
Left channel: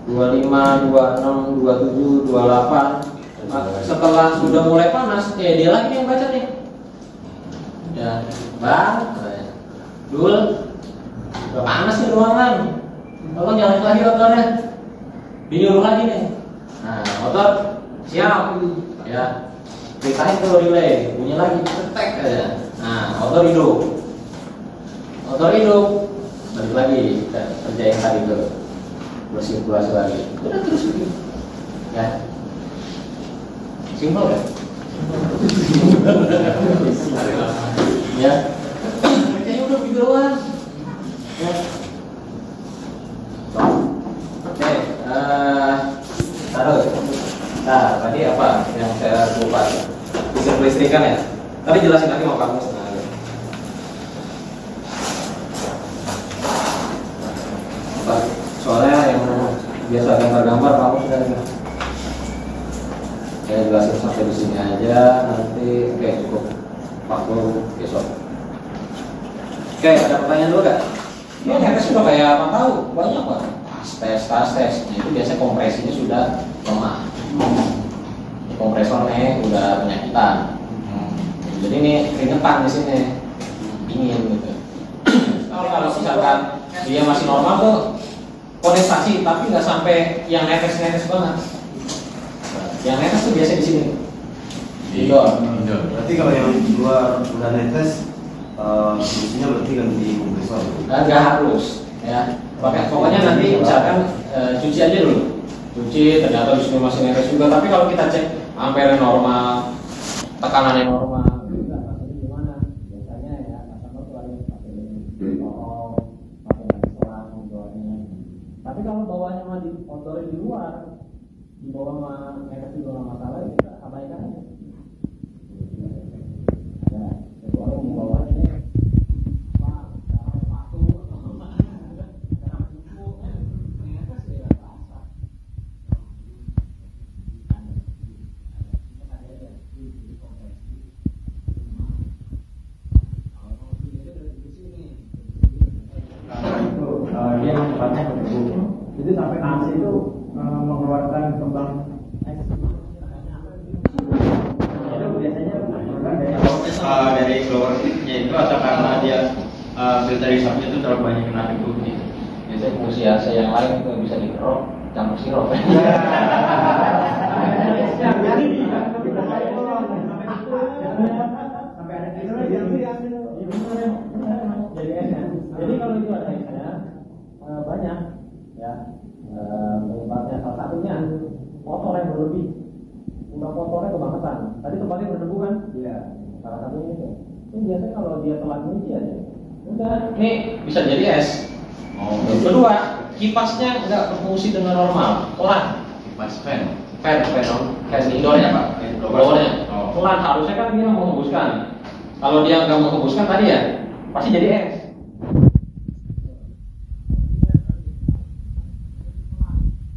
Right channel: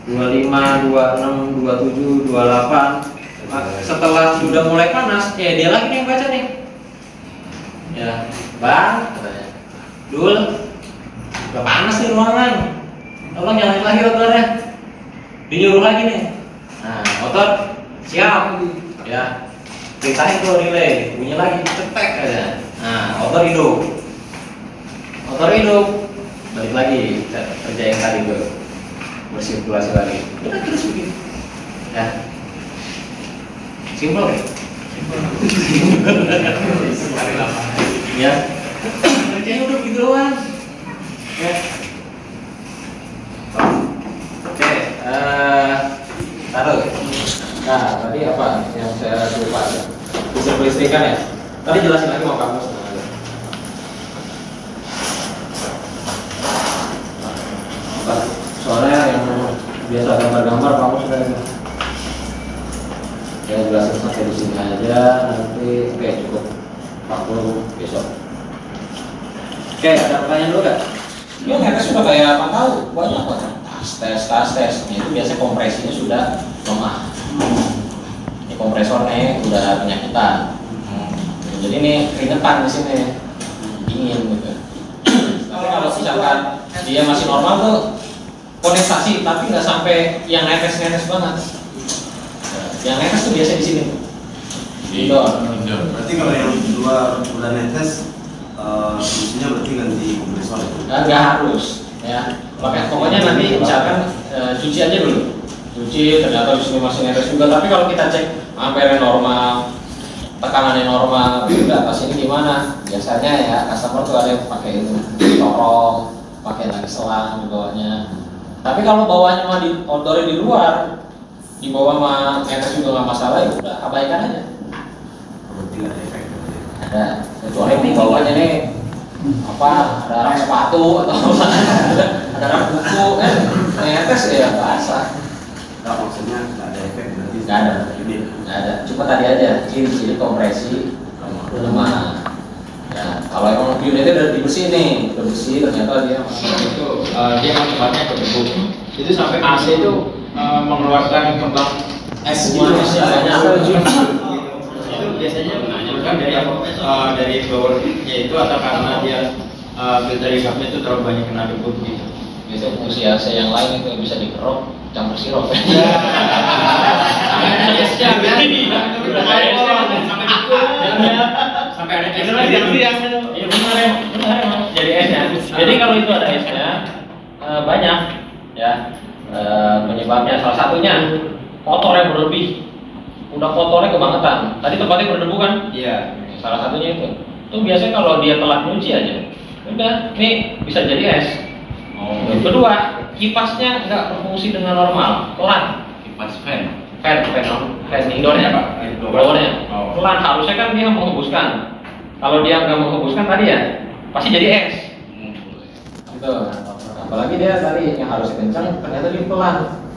25, 26, 27, 28. Setelah sudah mulai panas, dia lagi yang baca nih. Ya, bang, katanya, Dul, udah panas nih ruangan, tolong nyalain lagi motornya. Dinyuruh lagi nih. Nah, motor siap, ya, perintahin tuh relay, bunyi lagi, cetek aja. Nah, motor hidup, balik lagi kerja yang tadi tuh, bersirkulasi lagi. Udah terus begini, ya. Simpel kan? Ya. Kayaknya udah begitu doang. Ya. Oke, taruh. Nah, tadi apa yang saya lupa ya? Bisa kelistrikan ya? Tadi jelasin lagi mau kamu. Soalnya yang biasa gambar-gambar kamu sudah saya jelasin sampai di sini aja, nanti cukup 40 besok. Oke, ada pertanyaan dulu gak? Ya, mereka sudah kayak apa tahu banyak banget. Tas tes. Itu biasanya kompresinya sudah lemah. Ini kompresornya udah penyakitan. Jadi ini keringetan di sini, dingin gitu. Tapi kalau misalkan dia masih normal tuh kondensasi, tapi nggak sampai yang netes banget. Yang netes tuh biasa di sini. Indoor. Berarti kalau yang luar udah netes, fungsinya berarti ganti kompresor. Nggak harus, ya. Pokoknya nanti misalkan cuci aja dulu. Cuci, ternyata di sini masih netes juga. Tapi kalau kita cek ampere normal, tekanannya normal, di atas ini gimana? Biasanya ya customer tuh ada yang pakai itu, corong, pakai lagi selang di bawahnya. Tapi kalau bawahnya mah di outdoor di luar, di bawah mah netes juga nggak masalah, ya udah abaikan aja. Ada, kecuali di bawahnya nih apa? Ada rak sepatu atau apa? Ada rak buku, netes ya basah. Nah, maksudnya nggak ada efek berarti? Nggak ada. Nggak ada. Cuma tadi aja ciri-ciri kompresi lemah. Ya, kalau emang unitnya udah dibersihin nih, udah bersih, ternyata dia itu dia manfaatnya berdebu. Itu sampai AC itu mengeluarkan kembang es gitu. Itu biasanya kan dari blowernya itu atau karena dia filter hisapnya itu terlalu banyak kena debu gitu. itu fungsi AC yang lain itu bisa dikerok campur sirup. Sampai ada esnya. Iya benar emang. Jadi esnya. Jadi kalau itu ada esnya banyak ya penyebabnya, salah satunya kotor yang berlebih. Udah kotornya kebangetan. Tadi tempatnya berdebu kan? Iya. Salah satunya itu. Itu biasanya kalau dia telat nyuci aja, udah nih bisa jadi es. Kedua, kipasnya nggak berfungsi dengan normal, pelan. Kipas fan. Fan indoor ya, blowernya pelan. Harusnya kan dia menghembuskan. Kalau dia nggak menghembuskan tadi ya, pasti jadi es. Gitu. Apalagi dia tadi yang harusnya kencang, ternyata dia pelan.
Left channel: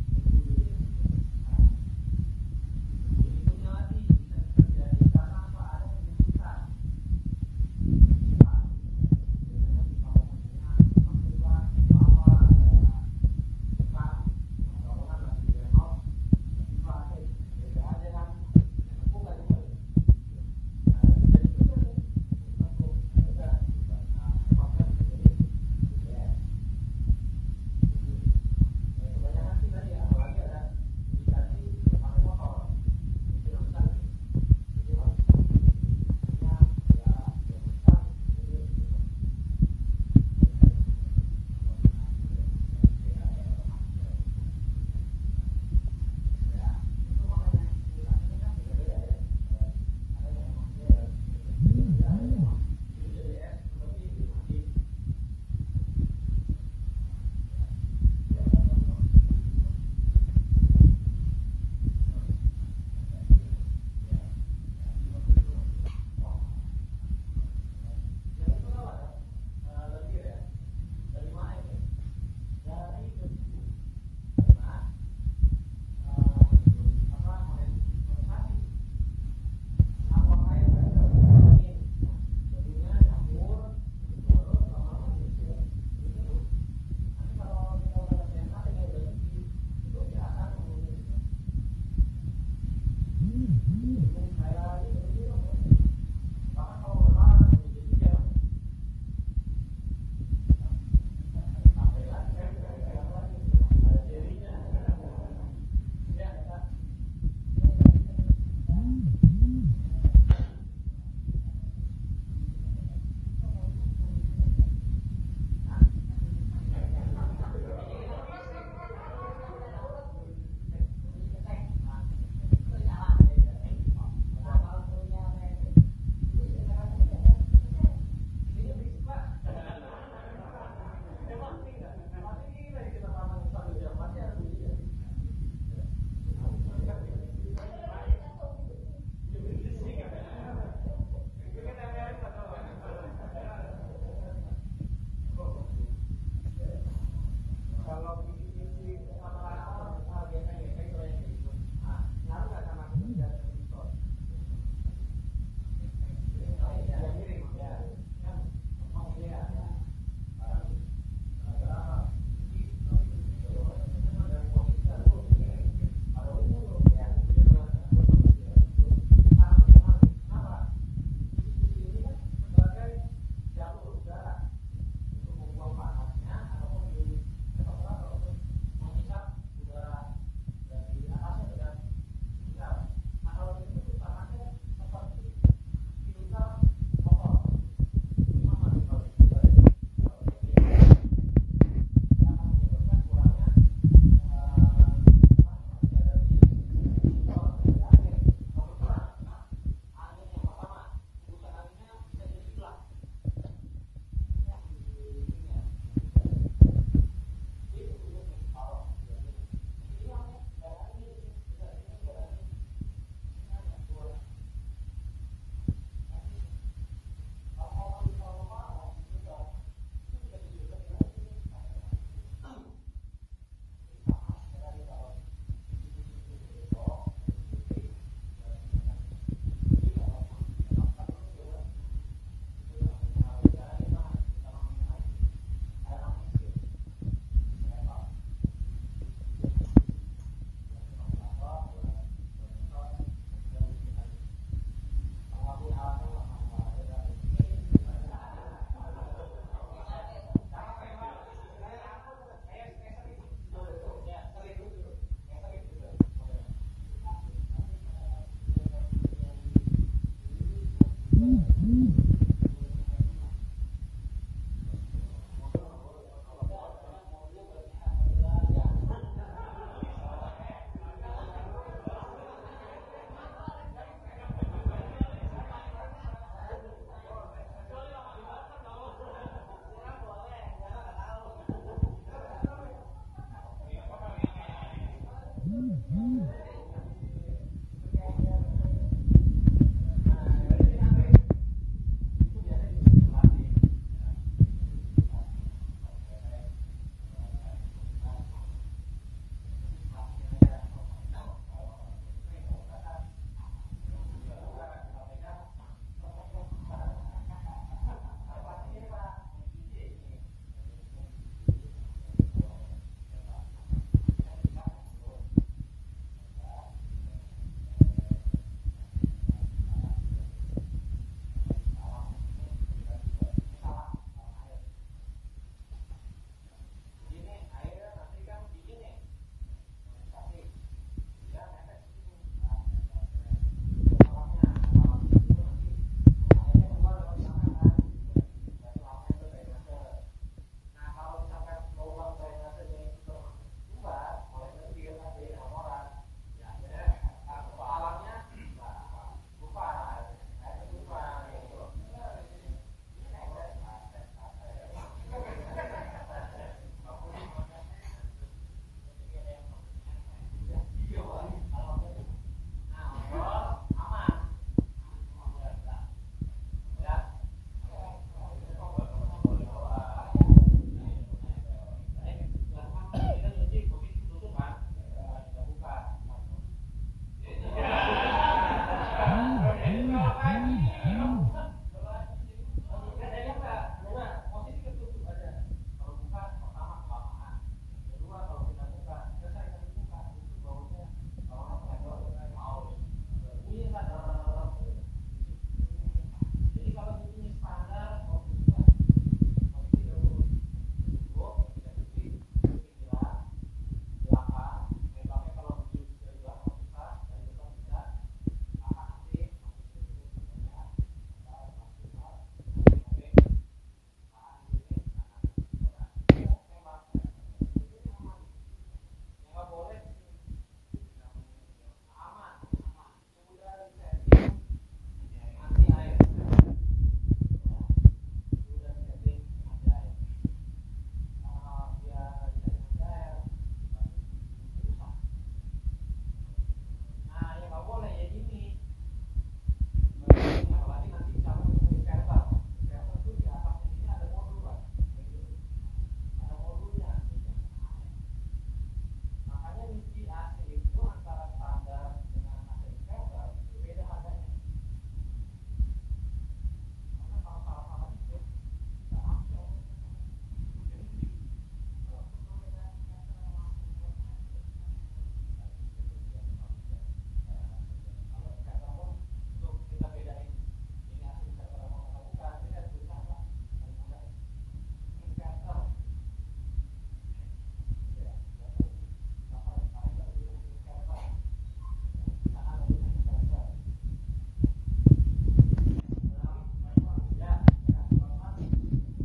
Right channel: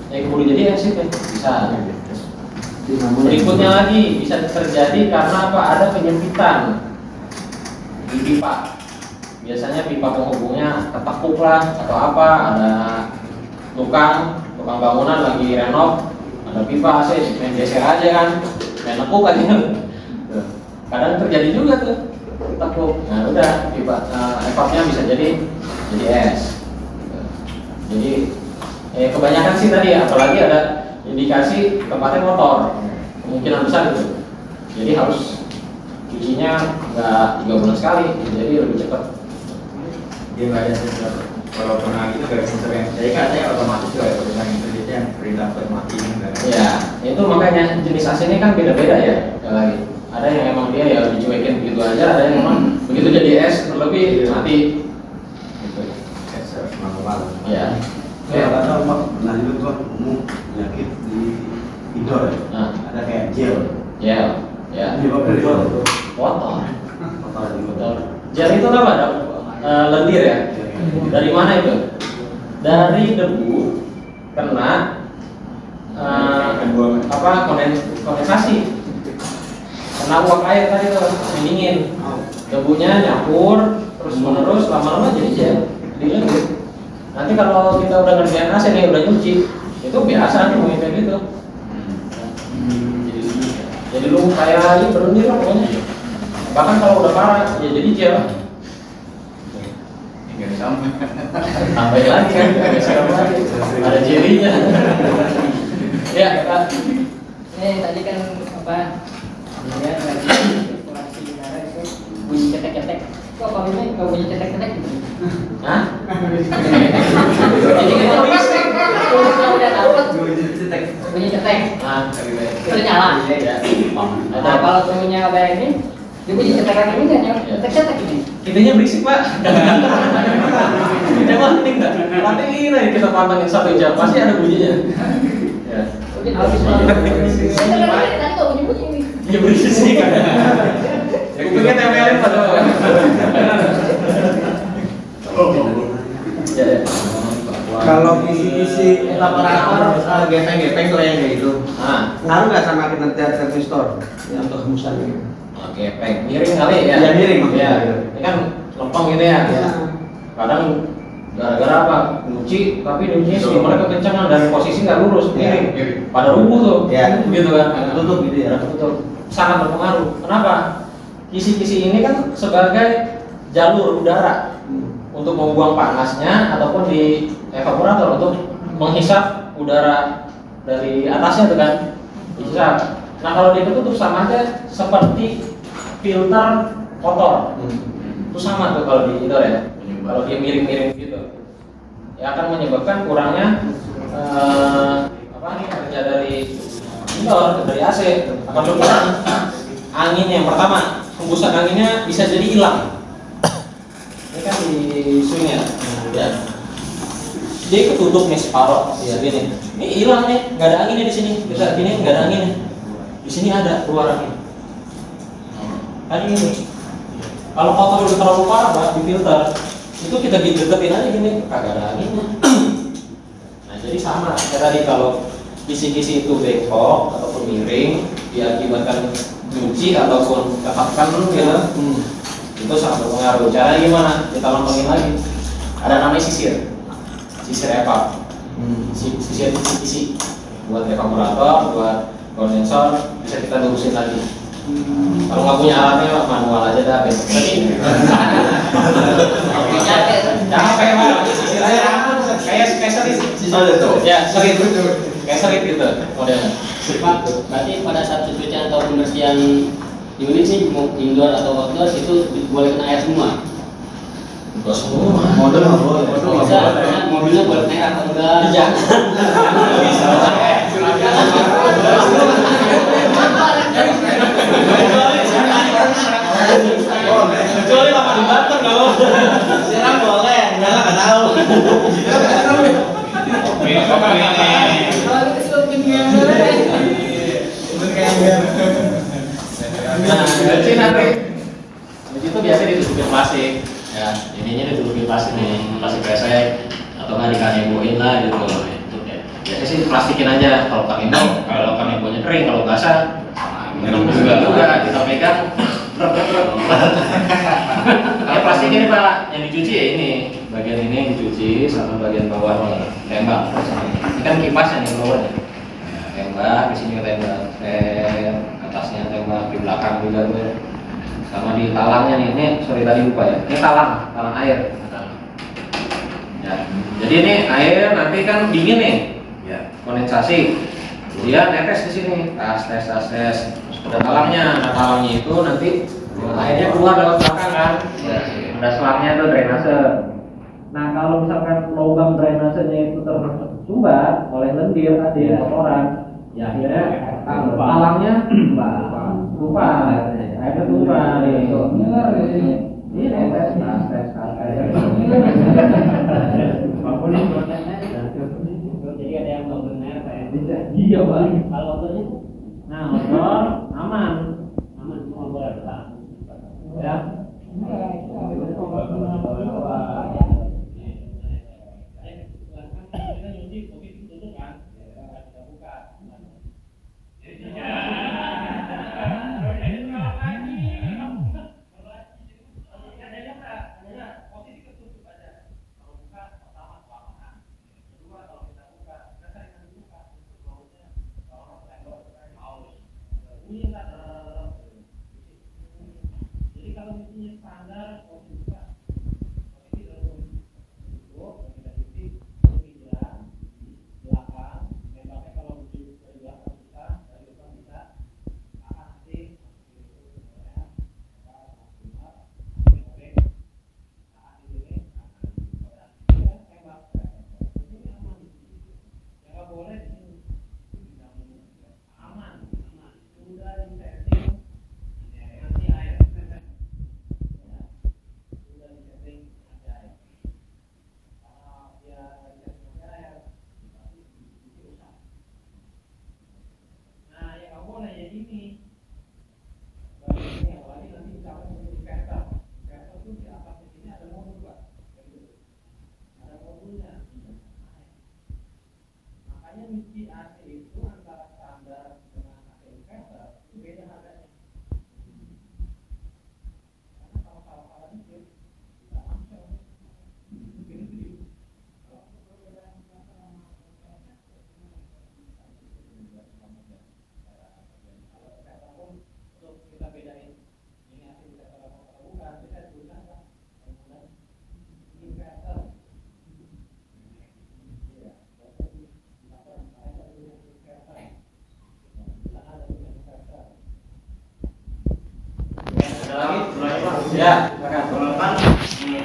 Yang kudu jadi es itu bisa. Berikutnya lagi bisa terjadi karena apa? Ada penyempitan di pipa. Biasanya pipa penghubungnya ketekuk lah atau apa, ada tukang bangunan lagi renov, ada pipa AC main geser aja kan, main nekuk aja. Kadang terjadi juga tuh ketekuk. Nah udah pipa evapnya bisa jadi es. Jadi kebanyakan sih tadi, apalagi ada indikasi tempatnya kotor, kemungkinan besar gitu. Jadi harus cucinya nggak 3 bulan sekali, jadi lebih cepat. Dia nggak ada sensor. Kalau pernah gitu dari sensor yang saya kan saya otomatis juga ya pegang itu yang perintah buat mati. Ya, itu makanya jenis AC ini kan beda-beda ya. Lagi ada yang emang dia ya dicuekin begitu aja, ada yang emang begitu jadi es terlebih mati. Gitu. Ya. Saya kata Pak pernah juga tuh penyakit di indoor ya. Nah, Ada kayak gel. ya. Penyebabnya dari mana tuh? Kotor. Kotor di Kotor. Gel itu apa? Ada lendir ya. Dari mana itu? Dari debu kena kondensasi. Kena uap air tadi tuh dingin. Debunya nyampur terus menerus lama-lama jadi gel. Jadi lendir. Nanti kalau kita udah ngerjain AC nih, udah nyuci, itu biasa nih mungkin kayak gitu. Jadi lu kayak ini berlendir lah pokoknya. Bahkan kalau udah parah, ya jadi gel. Sampai lagi kan, ada jelinya. Ya, Kak. Tadi kan apa? Ya, kalkulasi negara itu bunyi cetek-cetek. Kok kalau ini nggak bunyi cetek-cetek? Hah? Jadi kita listrik. Kalau udah dapat bunyi cetek. Nah, Itu nyala. Dia punya cetakan ini kan yang cetak-cetak ini. Intinya berisik pak. Kita mah penting nggak? Nanti ini kita pantengin 1 jam pasti ada bunyinya. Ya. Mungkin habis tadi kok bunyi-bunyi ini. Iya berisik kan. Kupingnya tempelin padahal. Ya. Kalau kisi-kisi operator gepeng-gepeng tuh yang kayak gitu. Ngaruh nggak sama kinerja transistor yang untuk hembusan gitu? Gepeng, miring kali ya? Iya miring maksudnya. Ya. Ini kan lempeng gitu ya. Iya. Kadang gara-gara apa? Nyuci, tapi nyucinya steamernya kekencangan dan posisi nggak lurus, miring. Pada rubuh tuh, gitu kan? Tutup gitu ya. Betul. Sangat berpengaruh. Kenapa? Kisi-kisi ini kan sebagai jalur udara untuk membuang panasnya ataupun di evaporator untuk menghisap udara dari atasnya tuh kan, dihisap. Nah kalau dia ketutup sama aja seperti filter kotor. Itu sama tuh kalau di indoor ya. Kalau dia miring-miring gitu, ya akan menyebabkan kurangnya kerja dari indoor, dari AC akan berkurang. Anginnya yang pertama, hembusan anginnya bisa jadi hilang. Ini kan di swing ya. Dia ketutup nih separuh, segini. Ini hilang nih, nggak ada anginnya di sini. Bisa gini nggak ada anginnya. Di sini ada keluar angin. Tadi ini. Kalau kotor udah terlalu parah, Pak, di filter, itu kita deketin aja gini, kagak ada anginnya. Nah, jadi sama kayak tadi kalau kisi-kisi itu bengkok ataupun miring, diakibatkan nyuci ataupun katakan dulu ya, itu sangat berpengaruh. Caranya gimana? Kita lempengin lagi. Ada namanya sisir evap, sisir kisi buat evaporator, buat kondensor, bisa kita lurusin lagi. Kalau nggak punya alatnya manual aja dah besok lagi. Capek pak, sisir aja kayak serit, ya serit, kayak serit gitu modelnya. Pak, berarti pada saat pencucian atau pembersihan unit sih mau indoor atau outdoor itu boleh kena air semua. Enggak semua. Model nggak boleh. Bisa, mobilnya boleh kena air atau enggak? Iya. Kecuali lama di Banten kalau Siram boleh, enggak nggak tahu. Nah, dari nanti di situ biasanya ditutupin plastik, ya ininya ditutupin plastik nih, plastik kresek atau nggak dikaneboin lah gitu. Biasanya sih plastikin aja kalau kanebonya kering, kalau basah juga kita pegang. Kalau plastik ini pak, yang dicuci ya ini, bagian ini yang dicuci sama bagian bawah tembak. Ini kan kipasnya nih bawahnya, tembak di sini tembak, atasnya tembak, di belakang juga tuh, sama di talangnya nih. Ini sorry tadi lupa ya, ini talang air. Ya, jadi ini air nanti kan dingin nih, ya kondensasi, kemudian netes di sini, tes. Ada talangnya, itu nanti airnya keluar lewat belakang kan, ada selangnya tuh drainase. Nah kalau misalkan lubang drainasenya itu tersumbat oleh lendir tadi kotoran, ya akhirnya talangnya tumpah, airnya tumpah nih. Ini tes. Jadi ada yang nggak benar kayak Iya bang. kalau motornya Nah motor aman. semua boleh lah. Ya. Ya.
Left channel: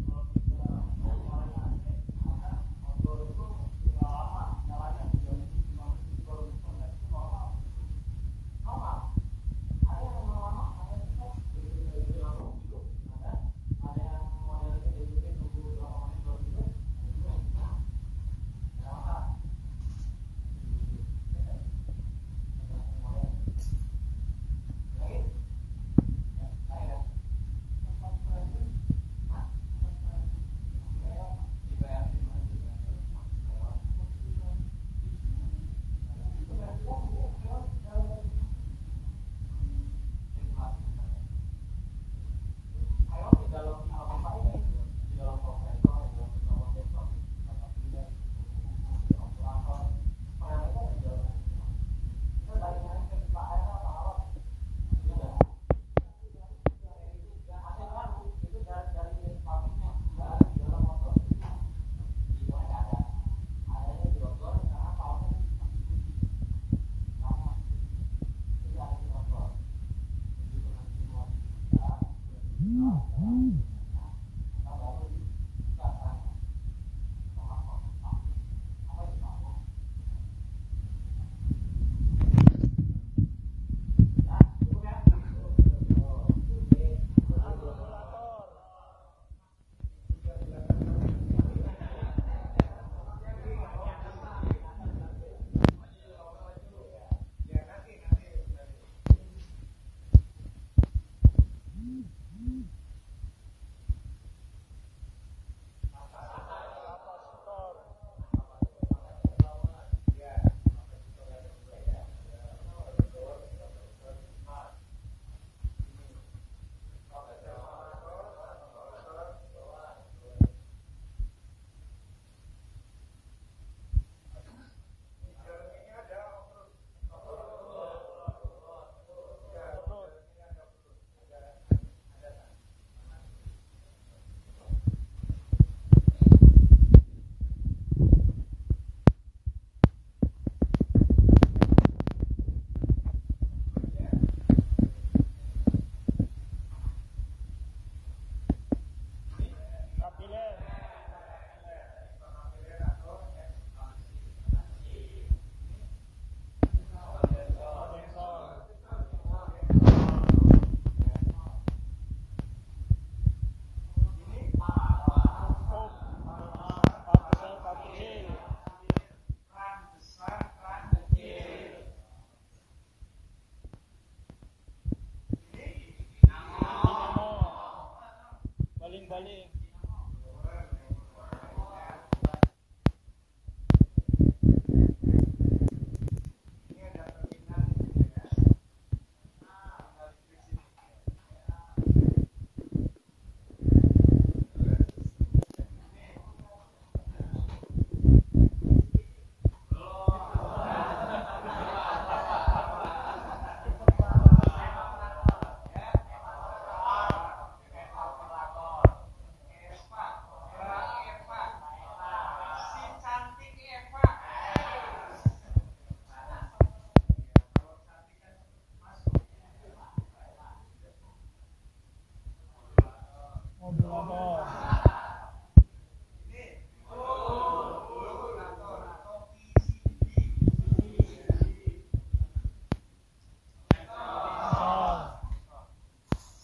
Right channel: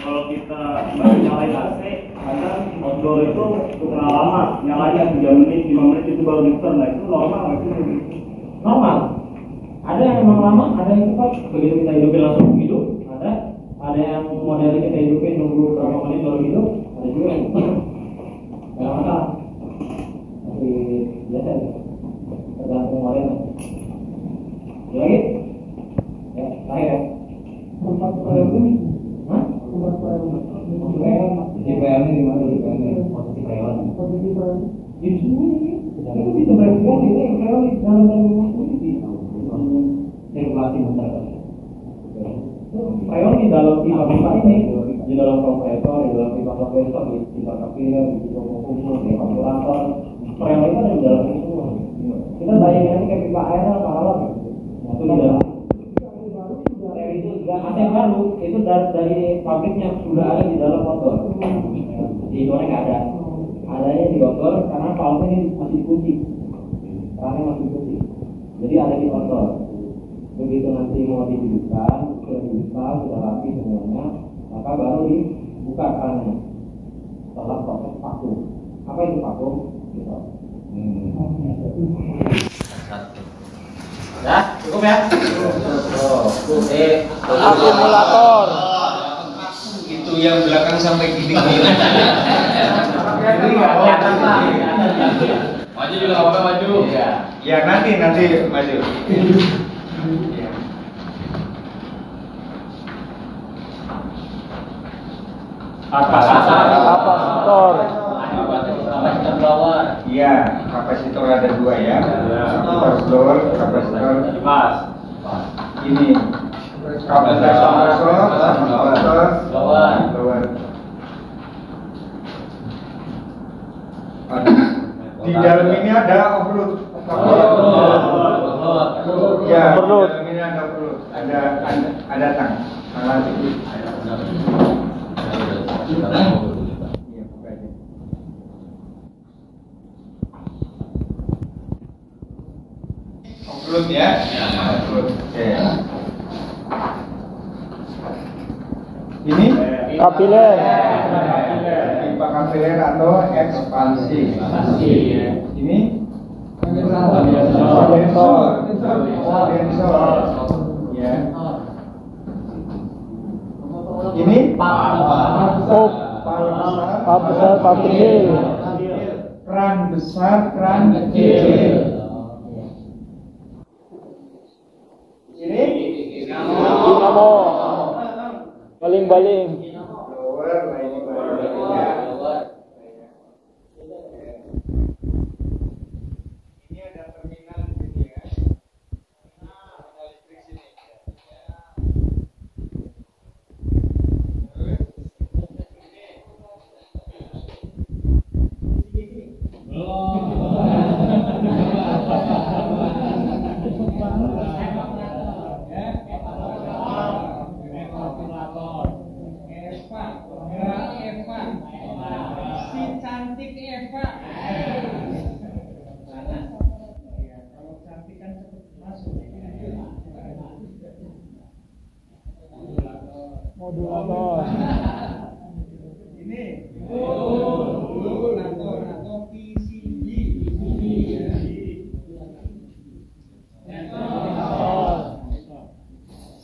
Kalau kita baru nyalain AC, kadang outdoor itu suka lama, nyalanya 3 menit, 5 menit itu baru di-turn. Nah itu normal nggak sih? Normal. Ada yang memang lama, ada yang cepat. Begitu kita hidupin langsung hidup, ada yang modelnya kita hidupin nunggu berapa menit baru hidup, ada juga yang cepat. Nggak masalah. Tapi biasa ya. Tergantung modelnya. Lagi? Ya, terakhir ya. Tempat ini? Hah? Tempat di PL ini di mana di PL ini? Posisi PL. Posisi PL. Di sini. Itu bisa berarti ini PL di dalam posisi. Sirkulasi masyarakat. PL di dalam pipa ini, di dalam kompresor, di dalam pipa kompresor, di pipa kapiler, di pipa kumpul, di ventilator. PL itu ada di dalam itu. Kita bayangin aja kayak pipa air apa alat. Itu di dalam. AC baru itu dari pabriknya sudah ada di dalam motor. Di luar nggak ada. Adanya di motor karena valve ini masih kunci. Kerannya masih kunci. Jadi ada di motor. Begitu nanti mau dibuka, kita rapi semuanya, maka baru dibuka kerannya. Setelah proses vakum. Apa itu vakum? Ya, cukup ya. Akumulator. Itu yang belakang sampai gini. Maju juga nggak apa-apa, maju. Ya nanti maju. Kapasitor. Iya, kapasitor ada 2 ya. Kapasitor blower, kapasitor ini. Kapasitor blower. Di dalam ini ada overload. Ya, di dalam ini ada overload. Ada tang. Overload ya. Oke. Ini Kapiler. pipa kapiler atau ekspansi. Ini kondensor. Ya. Ini Pap kecil. keran besar, keran kecil. Ini Dinamo. Baling-baling. blower, ini baliknya. Ini ada terminal di sini ya. Nah, listrik sini.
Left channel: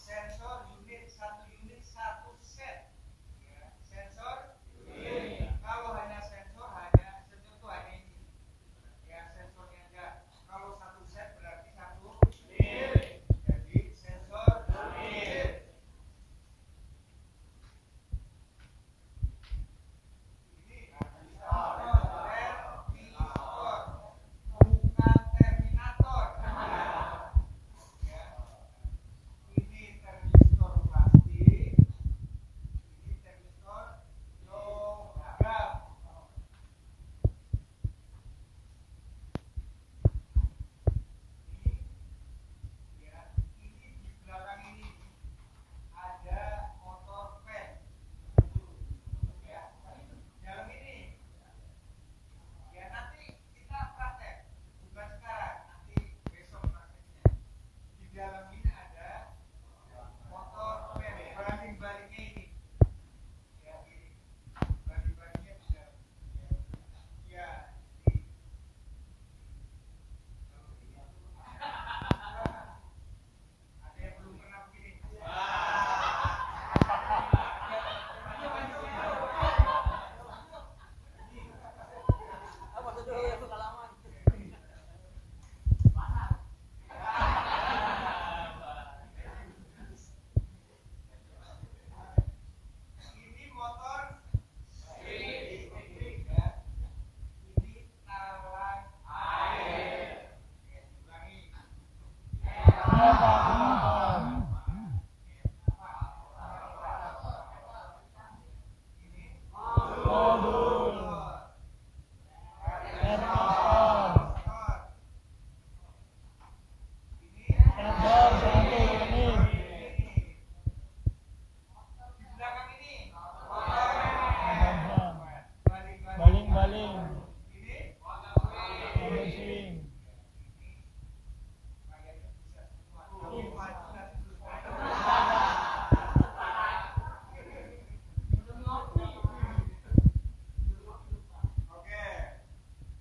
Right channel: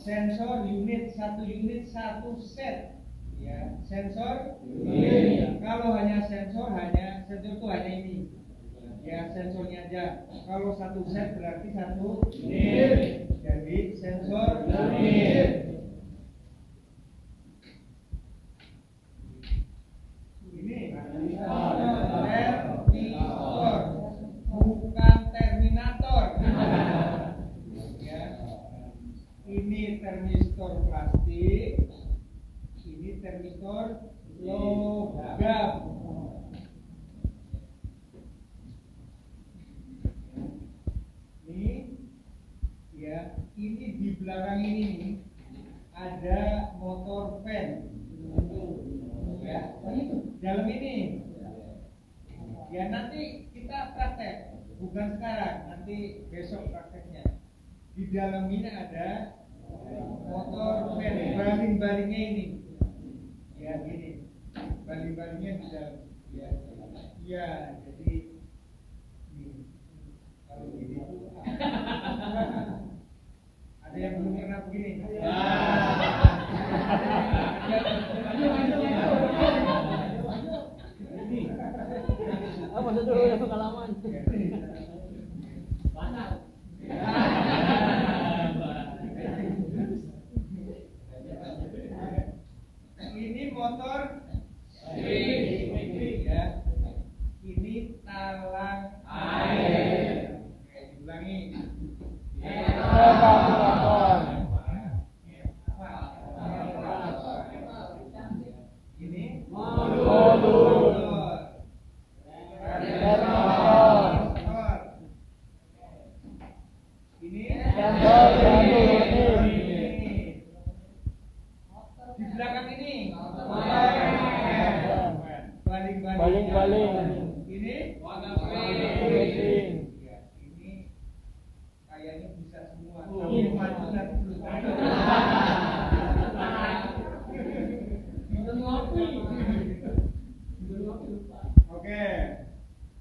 Sensor unit, satu set ya. Sensor unit. Kalau hanya sensor itu hanya ini ya, sensornya aja. Kalau satu set berarti satu unit. Jadi sensor unit. Ini termistor, bukan terminator. Ini termistor plastik, ini termistor logam. Ini ya, ini di belakang ini ada motor fan. Ya, dalam ini. Ya nanti kita praktek, bukan sekarang, nanti besok prakteknya. Di dalam ini ada motor banding-bandingnya ini. Ya gini. Banding-bandingnya bisa ya. Ya, jadi ini. Kalau begini ada yang belum pernah begini. Ini motor ya. Ini talang air. Ulangi. Ini motor. Di belakang ini Baling-baling. ini Mesin. ya, ini kayaknya bisa semua. Tapi maju nanti belum tahu. Oke,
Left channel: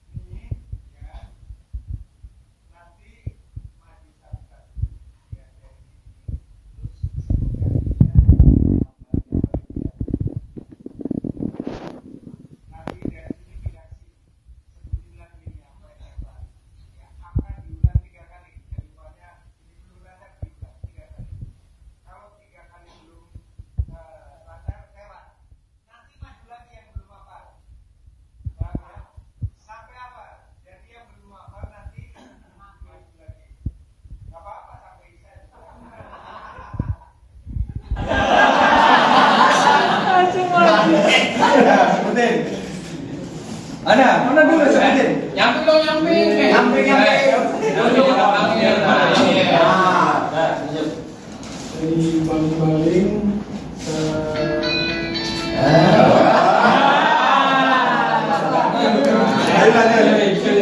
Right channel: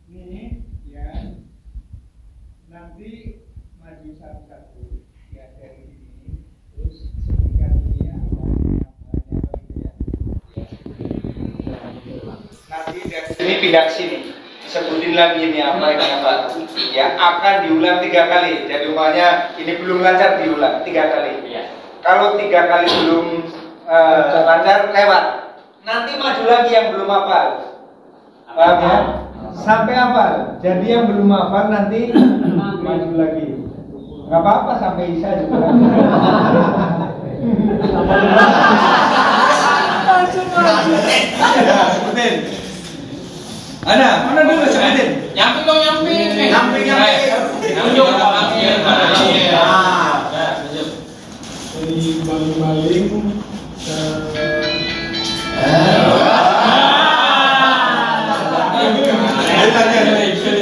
ini ya nanti maju satu-satu ya dari sini terus sebutkan ini ya. Nanti dari sini pindah ke sini, sebutin lagi ini apa ya, akan diulang 3 kali. Jadi umpamanya ini belum lancar, diulang 3 kali. Kalau 3 kali belum lancar, lewat. Nanti maju lagi yang belum hafal. Paham ya? Sampai hafal. Jadi yang belum hafal nanti maju lagi. Gak apa-apa sampai Isya juga. Sebutin. Mana dulu sebutin. Nyamping dong, nyamping. Nyamping. Tunjuk ada panggil. Jadi baling-baling.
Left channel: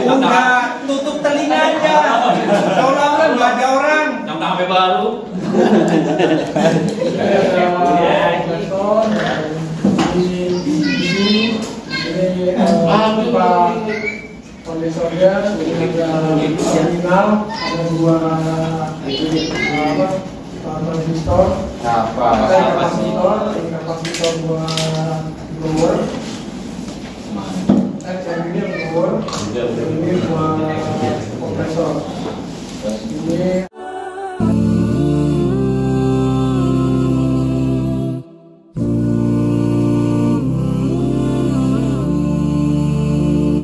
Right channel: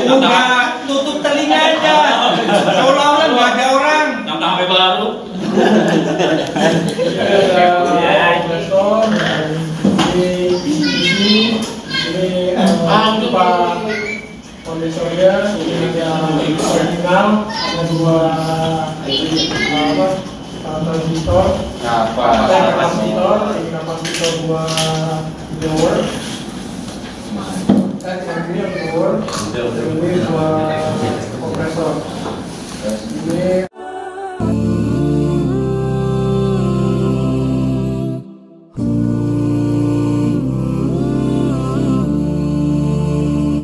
Enggak, tutup telinga aja. Seolah-olah nggak ada orang. Tambah HP baru. Kondensornya ini ada sinyal, ada 2 transistor, ada kapasitor, ini kapasitor 2 blower, dan yang ini blower, ini 2 kompresor.